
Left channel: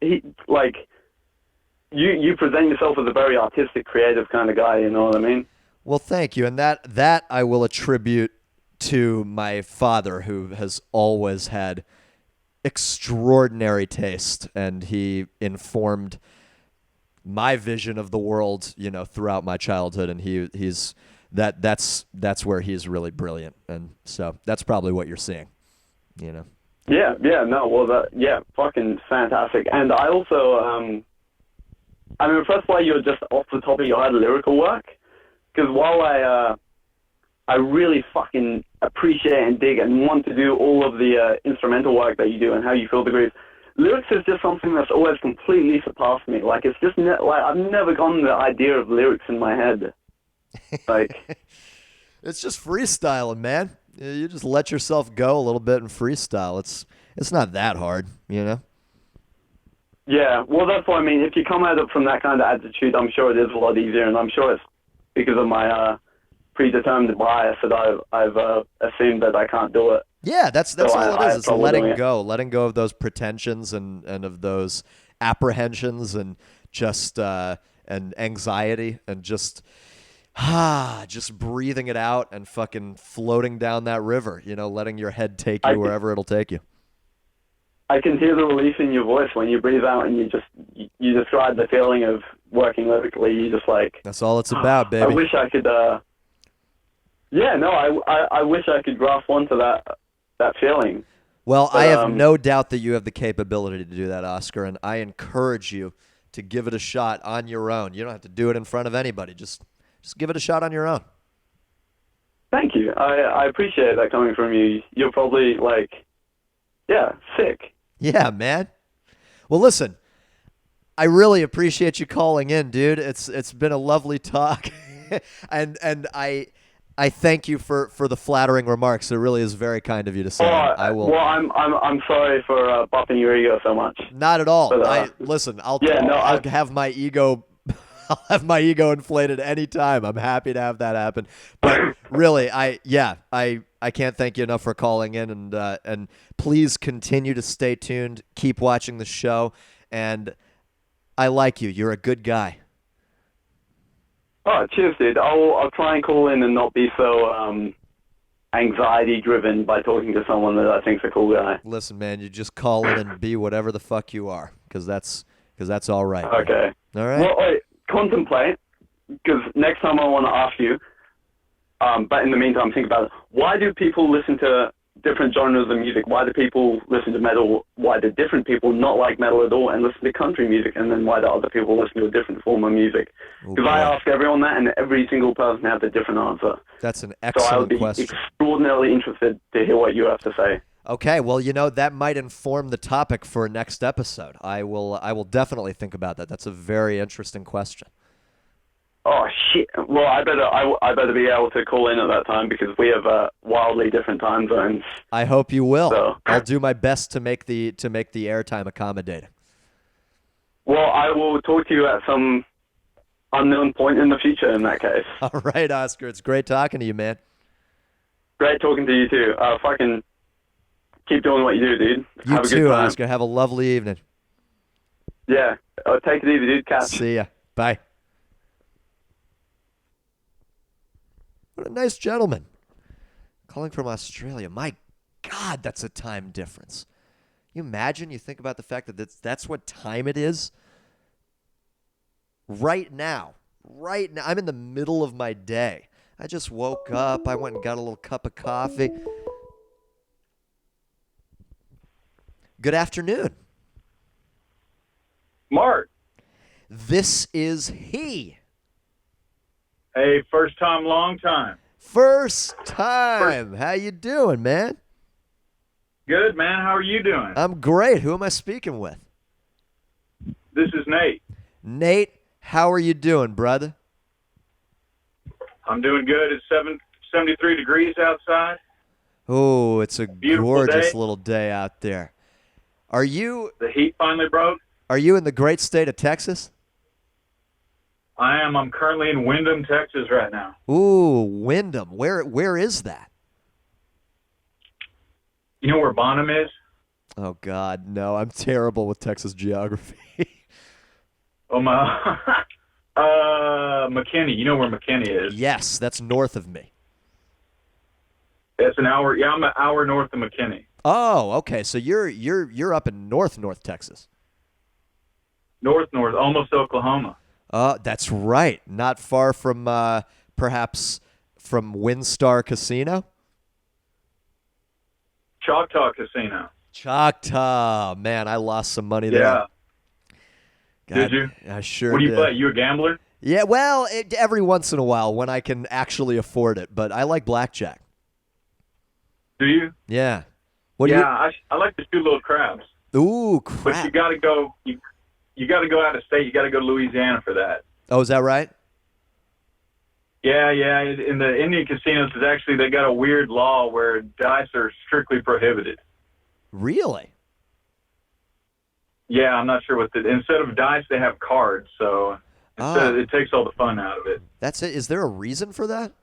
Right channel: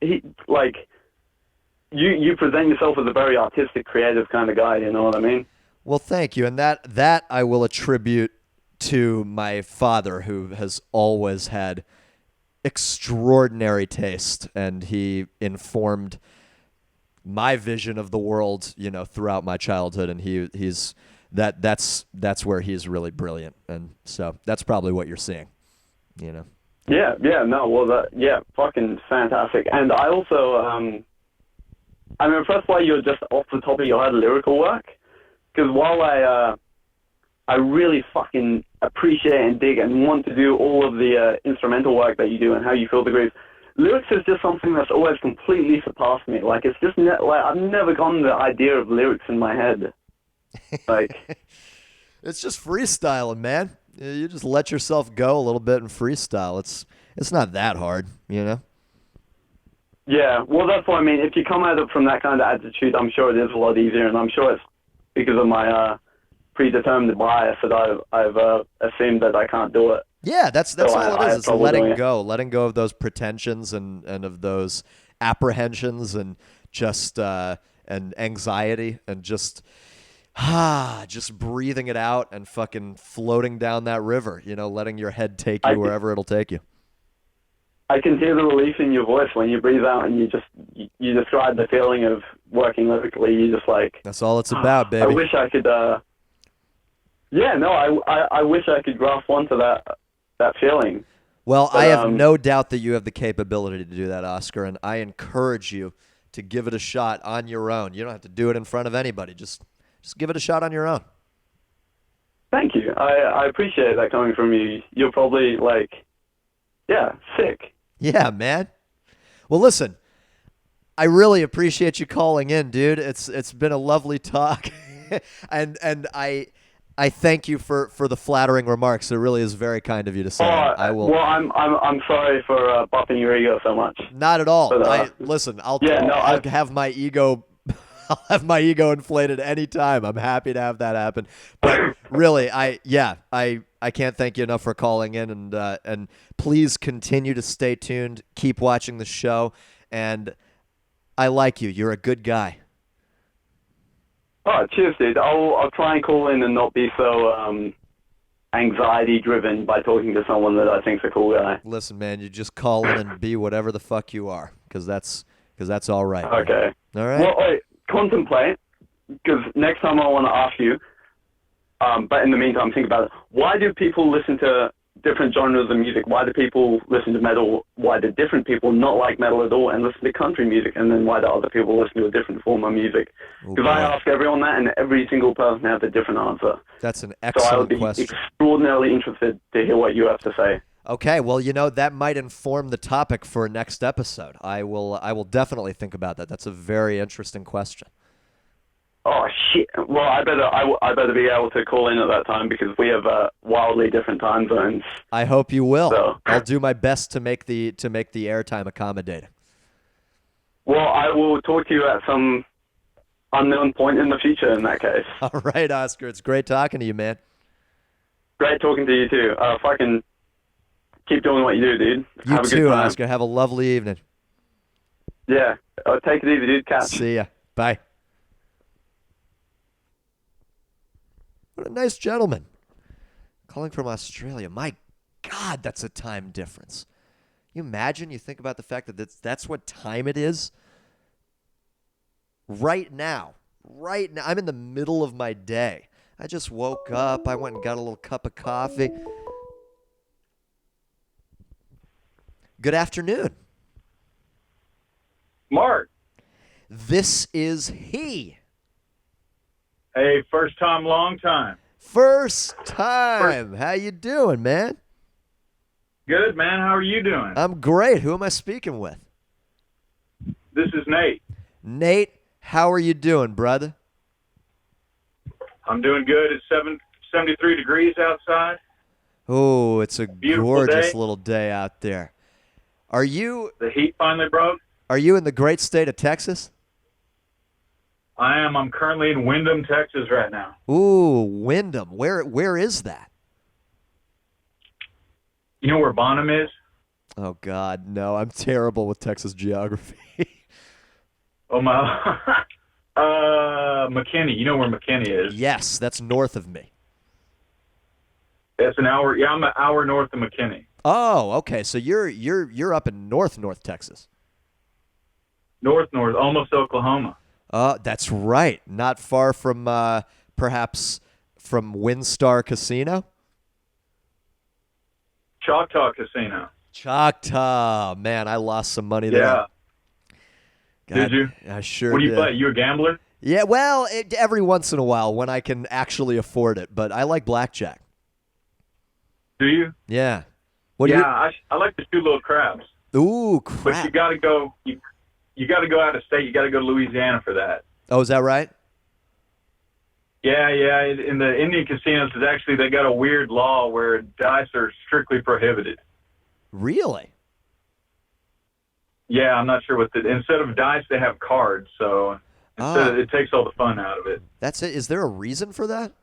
you present yourself as a very artistic, creative kind of guy, you know what I mean? Well, thank you. And that I will attribute to my father, who has always had extraordinary taste, and he informed my vision of the world, throughout my childhood, and that's where he's really brilliant, and so that's probably what you're seeing, Yeah, no, well, fucking fantastic. And I also, I'm impressed by your just off the top of your head lyrical work, because while I really fucking appreciate and dig and want to do all of the instrumental work that you do and how you feel the grooves, lyrics is just something that's always completely surpassed me. It's just I've never gotten the idea of lyrics in my head. It's just freestyling, man. You just let yourself go a little bit and freestyle. It's not that hard, you know? Yeah, well, that's what I mean. If you come at it from that kind of attitude, I'm sure it is a lot easier, and I'm sure it's because of my predetermined bias that I've assumed that I can't do it. Yeah, that's So all it I is. have It's trouble doing letting go of those pretensions and of those apprehensions and just and anxiety and just breathing it out and fucking floating down that river. You know, letting your head take you wherever it'll take you. I can hear the relief in your voice when you breathe out and you describe the feeling of working lyrically. You just like, That's all it's about, baby. I wish I could. I wish I could grasp onto that feeling. Well, But, I have no doubt that you have the capability to do that, Oscar, and I encourage you to give it a shot on your own. You don't have to do it in front of anybody. Just give it a shot on your own. Thank you. I appreciate that coming from you. You're probably like, yeah, sick. Yeah, man. Well, listen, I really appreciate you calling in, dude. It's been a lovely talk, and I thank you for the flattering remarks. It really is very kind of you to say. I will. Well, I'm sorry for buffing your ego so much. Not at all. But, Listen. I'll I have my ego. I'll have my ego inflated anytime. I'm happy to have that happen. But really, I can't thank you enough for calling in, and please continue to stay tuned. Keep watching the show, and I like you. You're a good guy. Oh, cheers, dude. I'll try and call in and not be so anxiety driven by talking to someone that I think's a cool guy. Listen, man, you just call in and be whatever the fuck you are, because that's all right. Okay. Man. All right. Well, wait, contemplate, because next time I want to ask you. But in the meantime, think about it. Why do people listen to different genres of music? Why do people listen to metal? Why do different people not like metal at all and listen to country music? And then why do other people listen to a different form of music? Because I ask everyone that, and every single person has a different answer. That's an So I would excellent be question. extraordinarily interested to hear what you have to say. Okay, well, that might inform the topic for next episode. I will definitely think about that. That's a very interesting question. Oh shit! Well, I better be able to call in at that time because we have wildly different time zones. I hope you will. So. I'll do my best to make the airtime accommodating. Well, I will talk to you at some unknown point in the future. In that case. All right, Oscar. It's great talking to you, man. Great talking to you too. Fucking keep doing what you do, dude. You have a too, good time. Oscar. Have a lovely evening. Yeah. Take it easy, dude. Catch. See ya. Bye. What a nice gentleman. Calling from Australia. My God, that's a time difference. You imagine, you think about the fact that that's what time it is? Right now. I'm in the middle of my day. I just woke up. I went and got a little cup of coffee. Good afternoon. Marc. This is he. Hey, first time, long time. First time. How you doing, man? Good, man. How are you doing? I'm great. Who am I speaking with? This is Nate. Nate, how are you doing, brother? I'm doing good. It's 73 degrees outside. Oh, it's a Beautiful gorgeous day. little day out there. Are you The heat finally broke. in the great state of Texas? I am. I'm currently in Wyndham, Texas right now. Ooh, Wyndham. Where is that? You know where Bonham is? Oh God, no. I'm terrible with Texas geography. Oh, my. McKinney. You know where McKinney is? Yes, that's north of me. It's an hour. Yeah, I'm an hour north of McKinney. Oh, okay. So you're up in North Texas. North, almost Oklahoma. That's right. Not far from perhaps from WinStar Casino. Choctaw Casino. Choctaw. Man, I lost some money there. Yeah. God, Did you? I sure What do you did. play? You a gambler? Yeah, well, every once in a while when I can actually afford it, but I like blackjack. Do you? Yeah. What do I like to shoot little crabs. you? Ooh, But crap. you got to go. You got to go out of state. You got to go to Louisiana for that. Oh, is that right? Yeah, yeah. In the Indian casinos, is actually they got a weird law where dice are strictly prohibited. Really? Yeah, I'm not sure what the instead of dice they have cards, so Ah, it takes all the fun out of it. that's it. Is there a reason for that?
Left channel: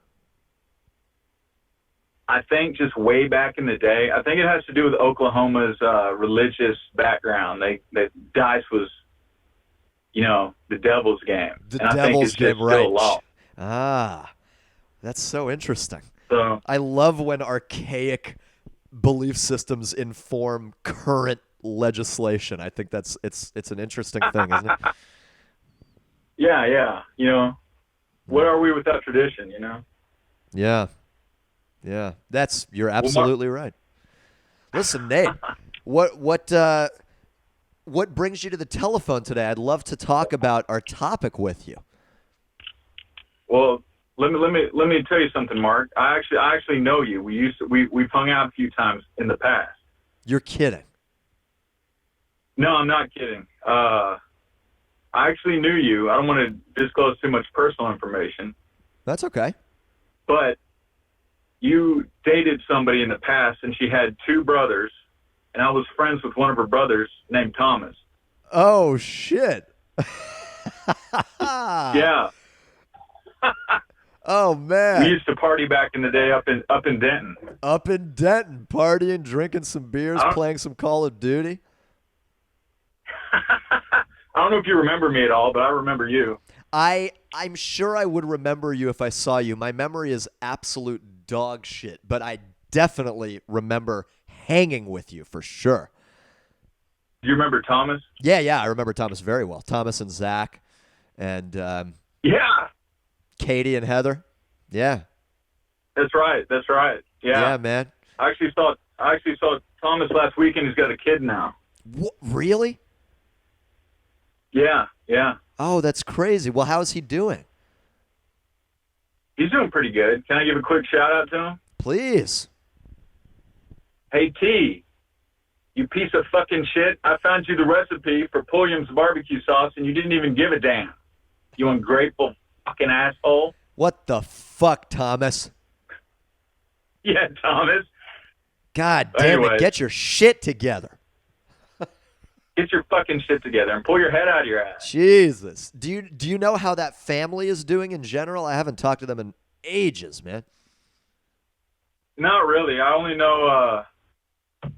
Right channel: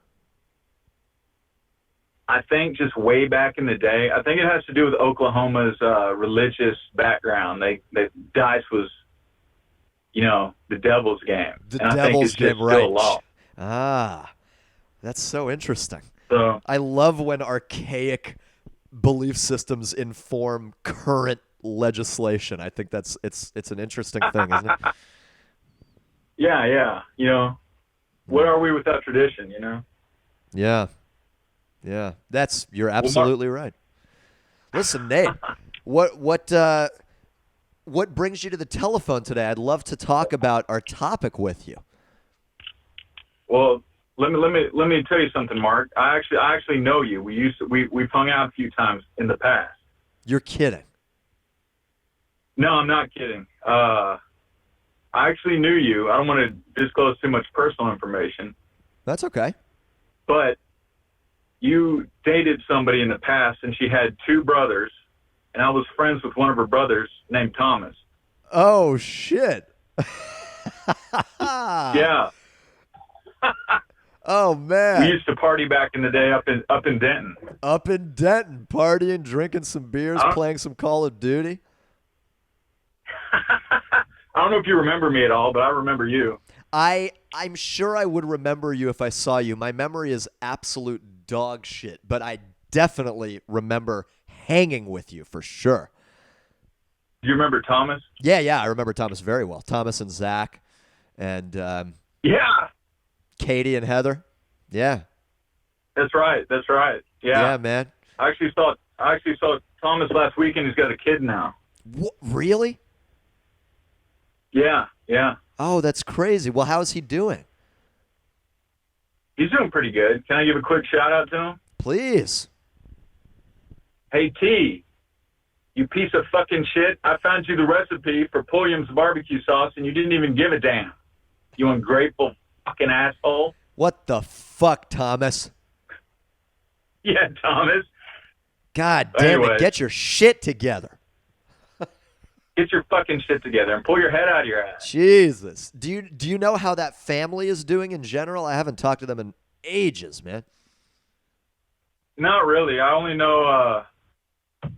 I think just way back in the day, I think it has to do with Oklahoma's religious background. They dice was, the devil's game. The And I think devil's it's just game, right? still a law. Ah, that's so interesting. So I love when archaic belief systems inform current legislation. I think it's an interesting thing, isn't it? yeah. What are we without tradition? Yeah. Yeah. You're Mark- absolutely right. Listen, Nate, what brings you to the telephone today? I'd love to talk about our topic with you. Well, let me tell you something, Mark. I actually know you. We've hung out a few times in the past. You're kidding. No, I'm not kidding. I actually knew you. I don't want to disclose too much personal information, That's okay. but you dated somebody in the past, and she had two brothers, and I was friends with one of her brothers named Thomas. Oh shit. Yeah, Oh we man. used to party back in the day up in Denton. Up in Denton, partying, drinking some beers, Huh? playing some Call of Duty. I don't know if you remember me at all, but I remember you. I'm sure I would remember you if I saw you. My memory is absolute dog shit, but I definitely remember hanging with you for sure. Do you remember Thomas? Yeah, I remember Thomas very well. Thomas and Zach and Yeah, Katie and Heather. Yeah. that's right. Yeah, man. I actually saw Thomas last weekend. He's got a kid now. Really? Yeah. Oh, that's crazy. Well, how is he doing? He's doing pretty good. Can I give a quick shout out to him? Please. Hey, T, you piece of fucking shit. I found you the recipe for Pulliam's barbecue sauce, and you didn't even give a damn. You ungrateful fucking asshole. What the fuck, Thomas? Yeah, Thomas. God damn it. Anyway. Get your shit together. Get your fucking shit together and pull your head out of your ass. Jesus. Do you know how that family is doing in general? I haven't talked to them in ages, man. Not really. I only know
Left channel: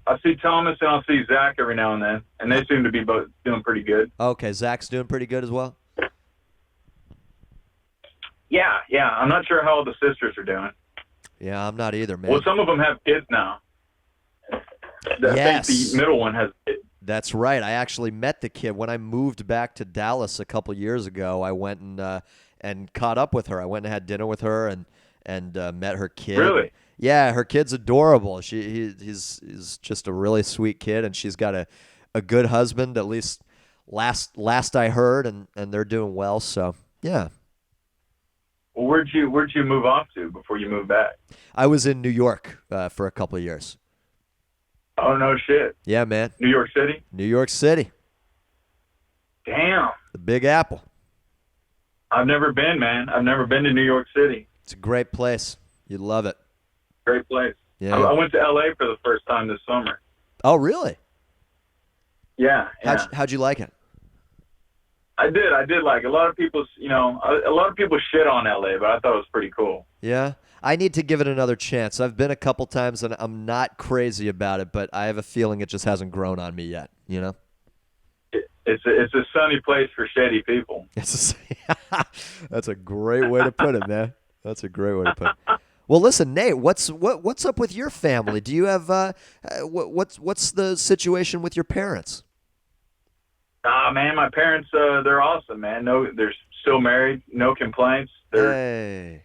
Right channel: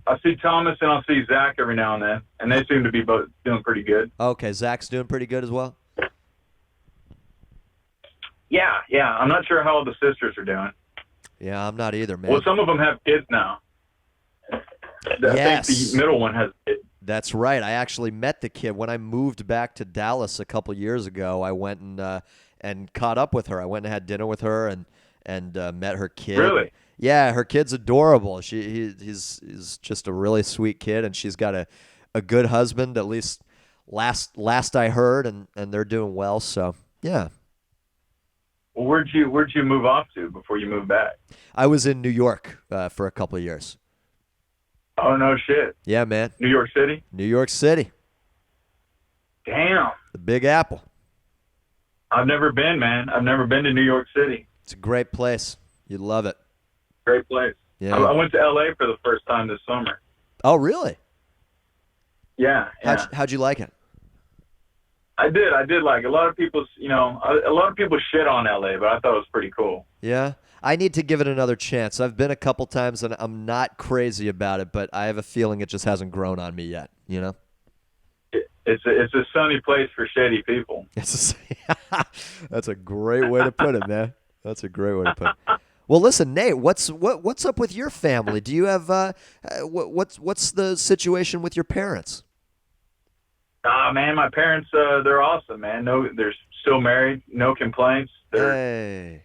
I see Thomas and I'll see Zach every now and then, and they seem to be both doing pretty good. Okay, Zach's doing pretty good as well. Yeah. I'm not sure how all the sisters are doing. Yeah, I'm not either, man. Well, some of them have kids now. I Yes. think the middle one has kids. That's right. I actually met the kid when I moved back to Dallas a couple years ago. I went and caught up with her. I went and had dinner with her and met her kid. Really? Yeah, her kid's adorable. He's just a really sweet kid, and she's got a good husband. At least last I heard, and they're doing well. So yeah. Well, where'd you move off to before you moved back? I was in New York for a couple of years. Oh, no shit. Yeah, man. New York City? New York City, Damn. the Big Apple. I've never been, man. I've never been to New York City. It's a great place. You'd love it. Great place. Yeah. I went to L.A. for the first time this summer. Oh, really? Yeah. How'd you like it? I did like a lot of people, a lot of people shit on L.A., but I thought it was pretty cool. Yeah, I need to give it another chance. I've been a couple times and I'm not crazy about it, but I have a feeling it just hasn't grown on me yet. You know, It's a sunny place for shady people. That's a great way to put it, man. That's a great way to put it. Well, listen, Nate, what's up with your family? Do you have what's the situation with your parents? Man, my parents, they're awesome, man. No, they're still married, no complaints. They're, Hey,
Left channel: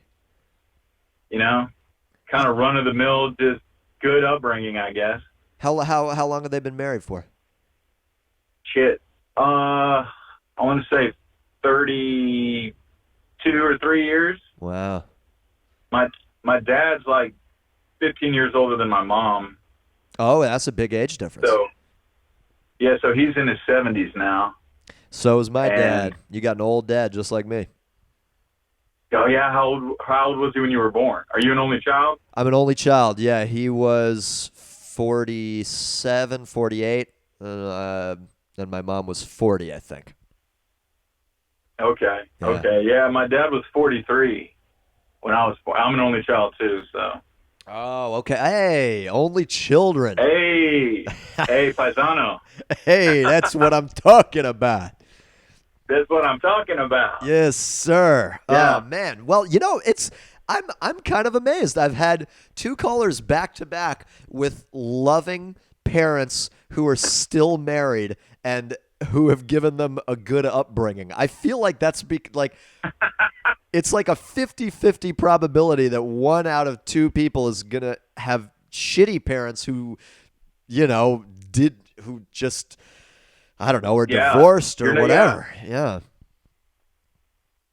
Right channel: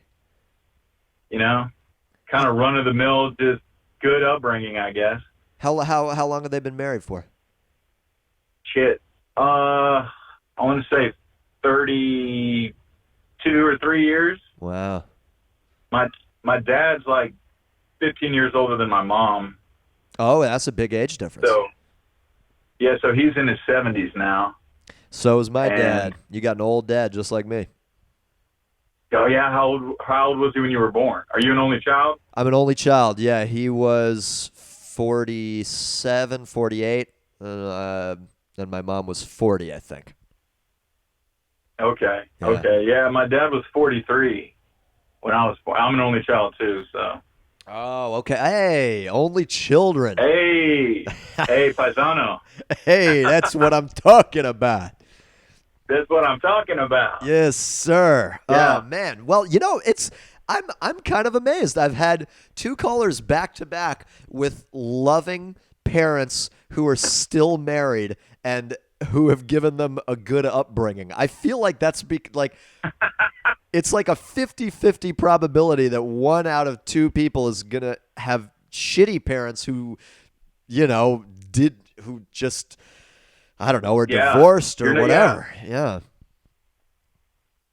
kind of run of the mill, just good upbringing, I guess. how long have they been married for? Shit. I want to say 32 or 3 years. Wow. My dad's like 15 years older than my mom. Oh, that's a big age difference. So he's in his 70s now. So is my And- dad. You got an old dad just like me. Oh yeah, how old was he when you were born? Are you an only child? I'm an only child. Yeah, he was 47, 48, and my mom was 40, I think. Okay. Yeah. Okay. Yeah, my dad was 43 when I was born. I'm an only child too, so. Oh, okay. Hey, only children. Hey, paisano. Hey, that's what I'm talking about. That's what I'm talking about. Yes, sir. Yeah. Oh man. Well, I'm kind of amazed. I've had two callers back to back with loving parents who are still married and who have given them a good upbringing. I feel like it's like a 50-50 probability that one out of two people is going to have shitty parents who just I don't know, or divorced or whatever. Yeah.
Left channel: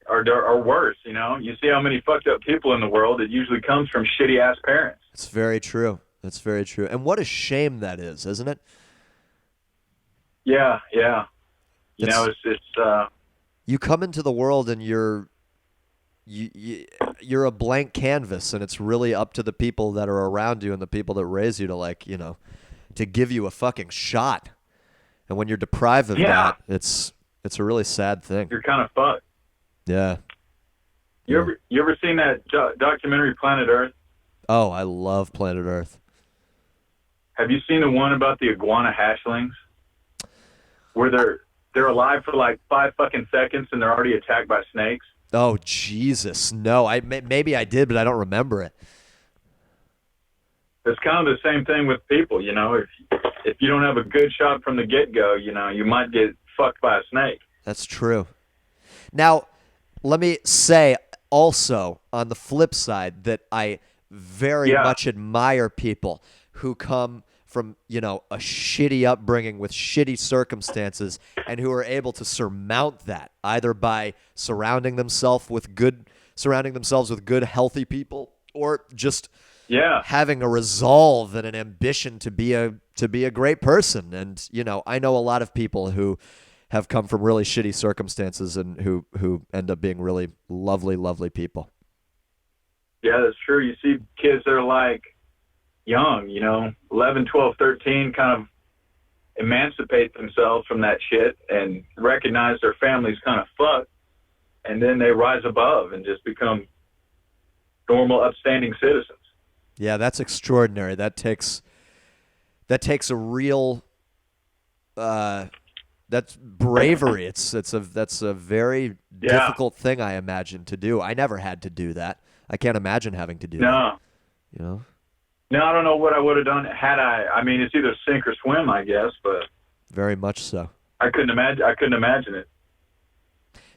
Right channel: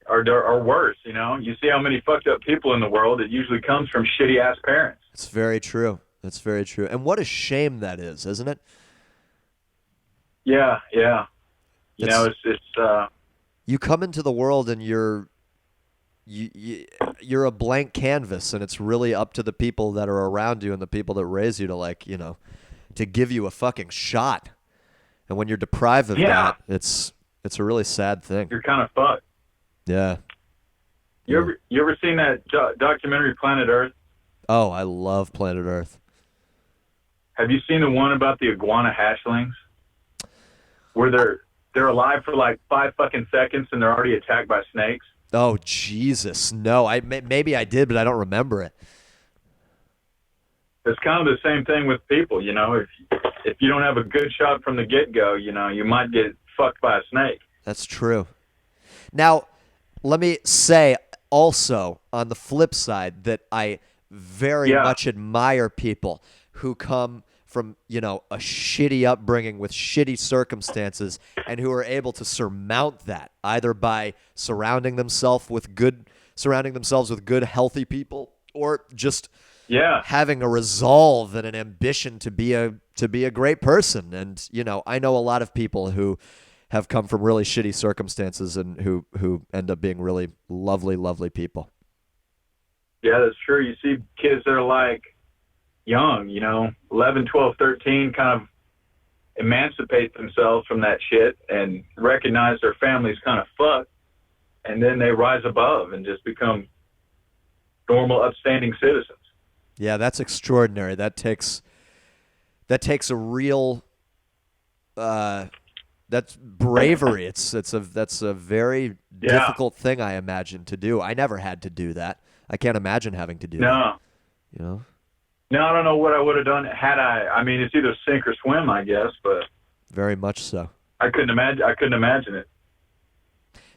Or worse, You see how many fucked up people in the world. It usually comes from shitty ass parents. It's very true. That's very true. And what a shame that is, isn't it? Yeah, yeah. It's you come into the world and you're a blank canvas, and it's really up to the people that are around you and the people that raise you to to give you a fucking shot. And when you're deprived of that, it's a really sad thing. You're kind of fucked. Yeah. You ever seen that documentary Planet Earth? Oh, I love Planet Earth. Have you seen the one about the iguana hatchlings? Where they're alive for like 5 fucking seconds and they're already attacked by snakes? Oh, Jesus. No, maybe I did, but I don't remember it. It's kind of the same thing with people, If you don't have a good shot from the get-go, you might get fucked by a snake. That's true. Now, let me say also on the flip side that I very much admire people who come from, a shitty upbringing with shitty circumstances and who are able to surmount that either by surrounding themselves with good, healthy people, or just having a resolve and an ambition to be a great person. And, I know a lot of people who have come from really shitty circumstances and who end up being really lovely, lovely people. Yeah, that's true. You see kids that are like young, 11, 12, 13, kind of emancipate themselves from that shit and recognize their family's kind of fucked. And then they rise above and just become normal, upstanding citizens. Yeah, that's extraordinary. That takes a real that's bravery. That's a very difficult thing, I imagine, to do. I never had to do that. I can't imagine having to do that. No, I don't know what I would have done had I. I mean, it's either sink or swim, I guess, but very much so. I couldn't imagine it.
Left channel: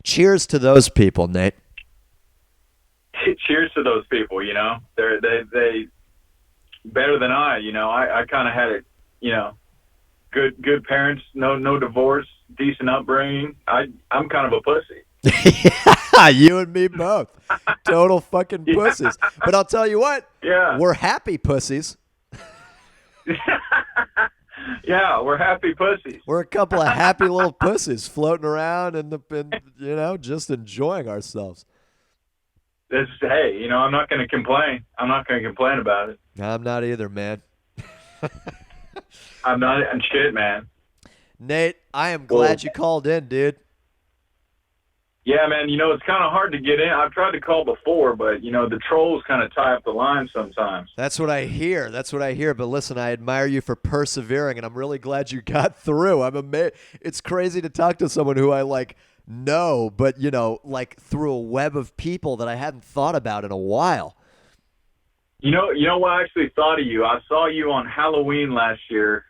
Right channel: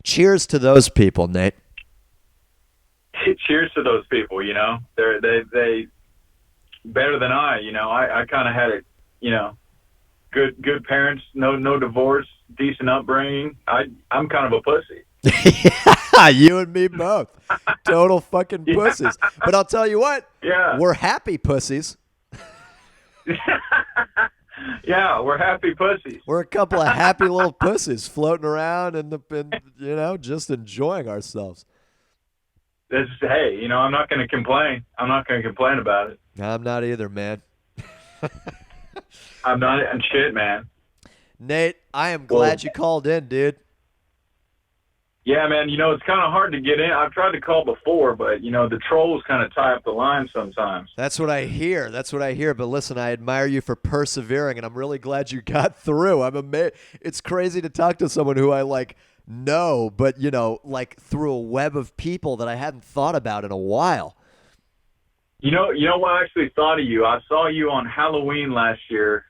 Cheers to those people, Nate. Cheers to those people. They better than I. I kind of had a good parents, no divorce, decent upbringing. I'm kind of a pussy. Yeah, you and me both. Total fucking pussies. But I'll tell you what. Yeah. We're happy pussies. Yeah, we're happy pussies. We're a couple of happy little pussies floating around and just enjoying ourselves. Hey, I'm not going to complain. I'm not going to complain about it. I'm not either, man. I'm not. I'm shit, man. Nate, I am glad you called in, dude. Yeah, man. It's kind of hard to get in. I've tried to call before, but the trolls kind of tie up the line sometimes. That's what I hear. But listen, I admire you for persevering, and I'm really glad you got through. I'm amazed. It's crazy to talk to someone who I know, but through a web of people that I hadn't thought about in a while. You know what I actually thought of you? I saw you on Halloween last year,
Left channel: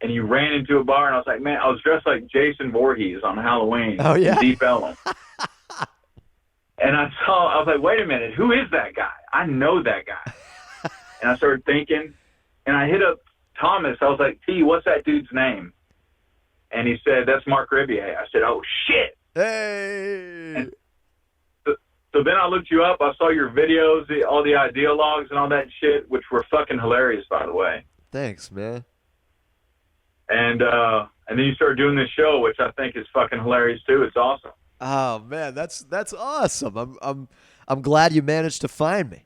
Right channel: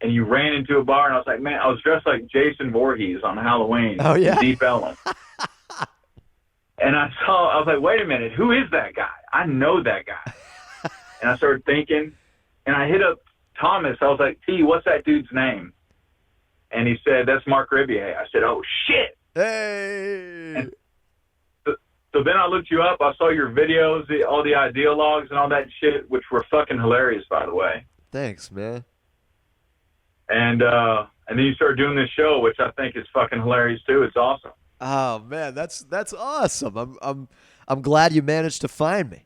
and you ran into a bar, and I was like, man, I was dressed like Jason Voorhees on Halloween. Oh, yeah? Deep Ellum. And I was like, wait a minute, who is that guy? I know that guy. And I started thinking, and I hit up Thomas. I was like, T, what's that dude's name? And he said, that's Marc Rebillet. I said, oh, shit. Hey. And so then I looked you up. I saw your videos, all the ideologues and all that shit, which were fucking hilarious, by the way. Thanks, man. And then you started doing this show, which I think is fucking hilarious, too. It's awesome. Oh man, that's awesome. I'm glad you managed to find me.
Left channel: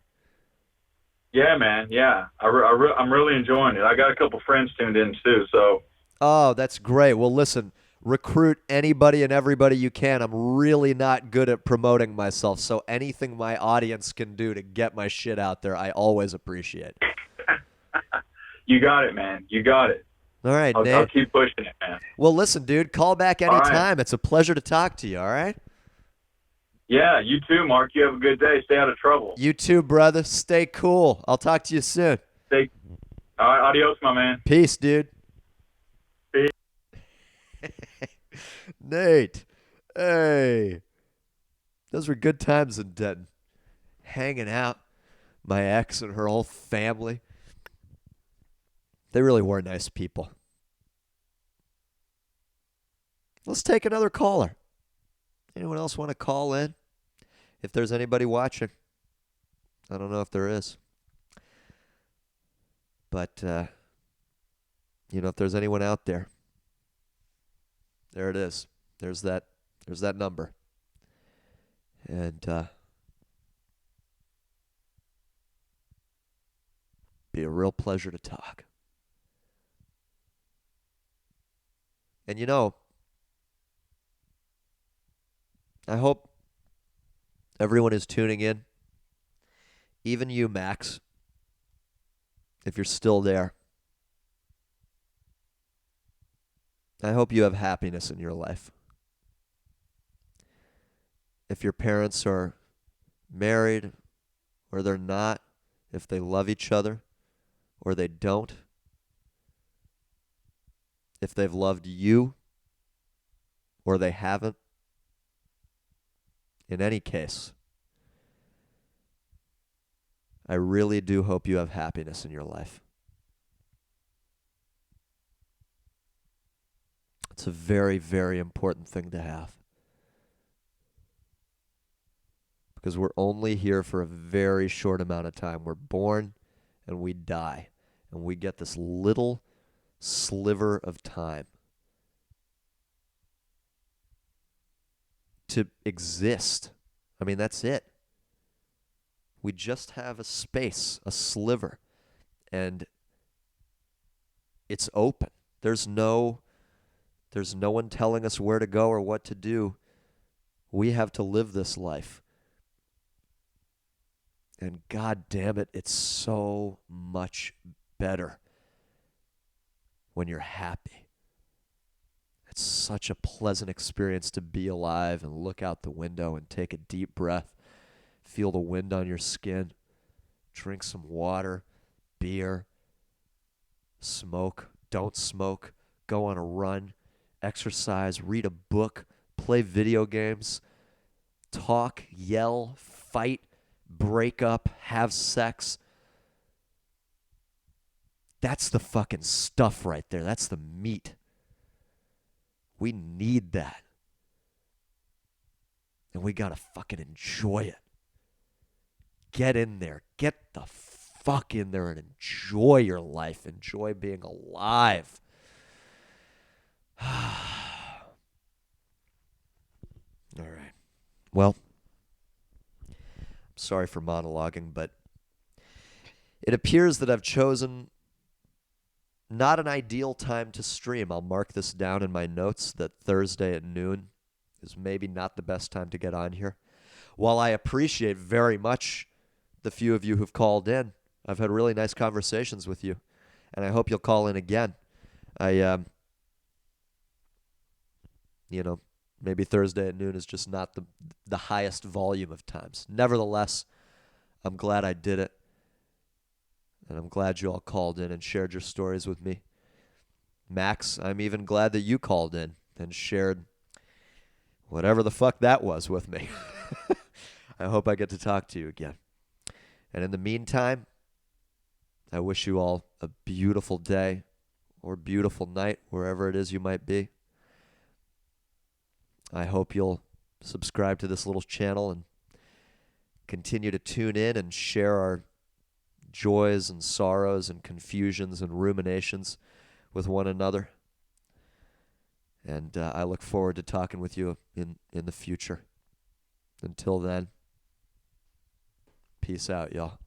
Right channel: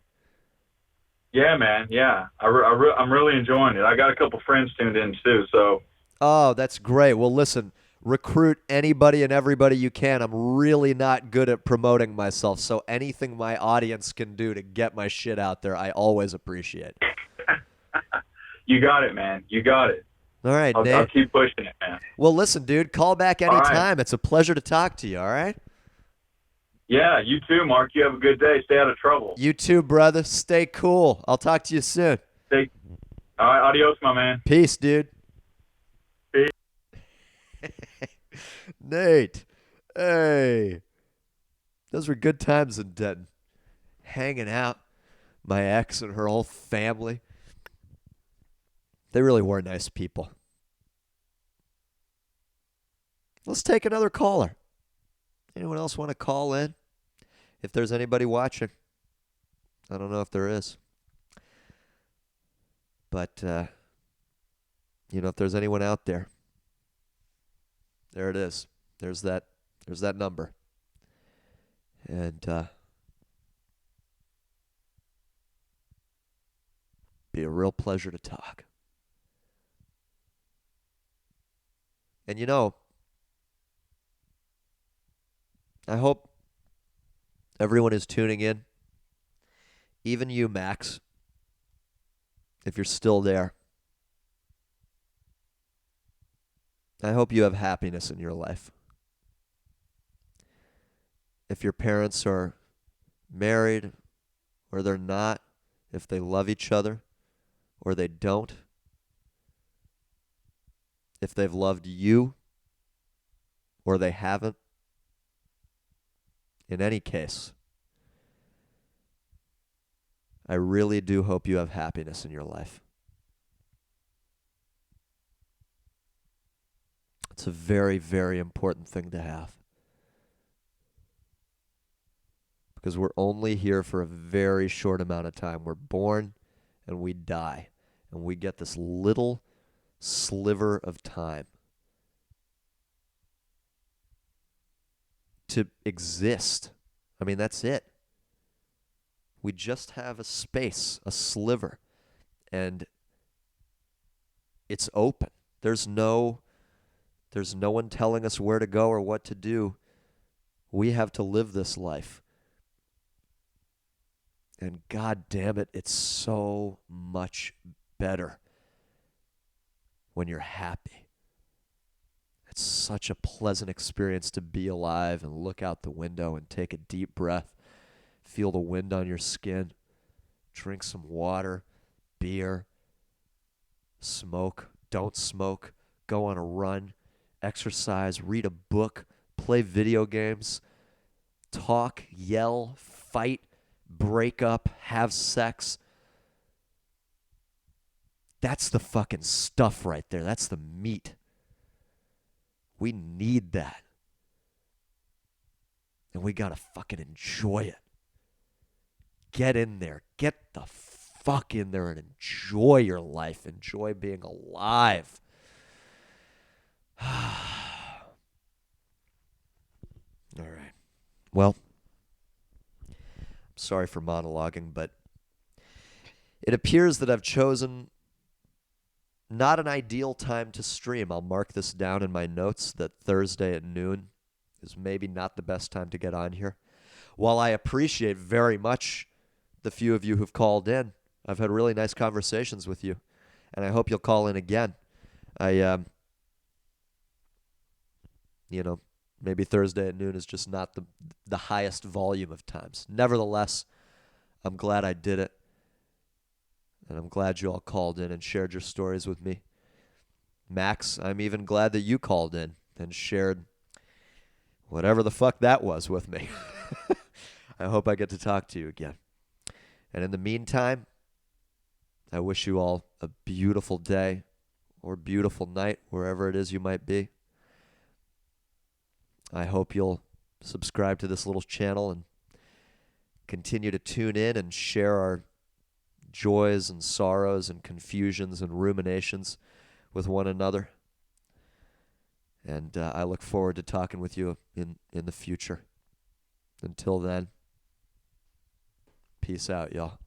Yeah, man. Yeah, I'm really enjoying it. I got a couple friends tuned in too. So Oh, that's great. Well, listen, recruit anybody and everybody you can. I'm really not good at promoting myself, so anything my audience can do to get my shit out there, I always appreciate. you got it, man. You got it. All right, I'll Nate. keep pushing it, man. Well, listen, dude, call back All right. anytime. It's a pleasure to talk to you, all right? Yeah, you too, Mark. You have a good day. Stay out of trouble. You too, brother. Stay cool. I'll talk to you soon. Stay. All right, adios, my man. Peace, dude. Peace. Nate. Hey. Those were good times in Denton. Hanging out. My ex and her whole family. They really were nice people. Let's take another caller. Anyone else want to call in? If there's anybody watching. I don't know if there is. But, if there's anyone out there, there it is. There's that number. And, be a real pleasure to talk. And I hope everyone is tuning in. Even you, Max, if you're still there. I hope you have happiness in your life. If your parents are married or they're not, if they love each other or they don't, if they've loved you or they haven't, in any case, I really do hope you have happiness in your life. It's a very, very important thing to have. Because we're only here for a very short amount of time. We're born and we die. And we get this little sliver of time to exist. I mean, that's it. We just have a space, a sliver, and it's open. There's no one telling us where to go or what to do. We have to live this life. And God damn it, it's so much better when you're happy. It's such a pleasant experience to be alive and look out the window and take a deep breath. Feel the wind on your skin. Drink some water, beer, smoke, don't smoke, go on a run, exercise, read a book, play video games, talk, yell, fight, break up, have sex. That's the fucking stuff right there. That's the meat. We need that. And we gotta fucking enjoy it. Get in there. Get the fuck in there and enjoy your life. Enjoy being alive. All right. Well, I'm sorry for monologuing, but it appears that I've chosen not an ideal time to stream. I'll mark this down in my notes that Thursday at noon is maybe not the best time to get on here. While I appreciate very much the few of you who've called in, I've had really nice conversations with you, and I hope you'll call in again. Maybe Thursday at noon is just not the highest volume of times. Nevertheless, I'm glad I did it. And I'm glad you all called in and shared your stories with me. Max, I'm even glad that you called in and shared whatever the fuck that was with me. I hope I get to talk to you again. And in the meantime, I wish you all a beautiful day or beautiful night, wherever it is you might be. I hope you'll subscribe to this little channel and continue to tune in and share our joys and sorrows and confusions and ruminations with one another. And I look forward to talking with you in the future. Until then, peace out, y'all.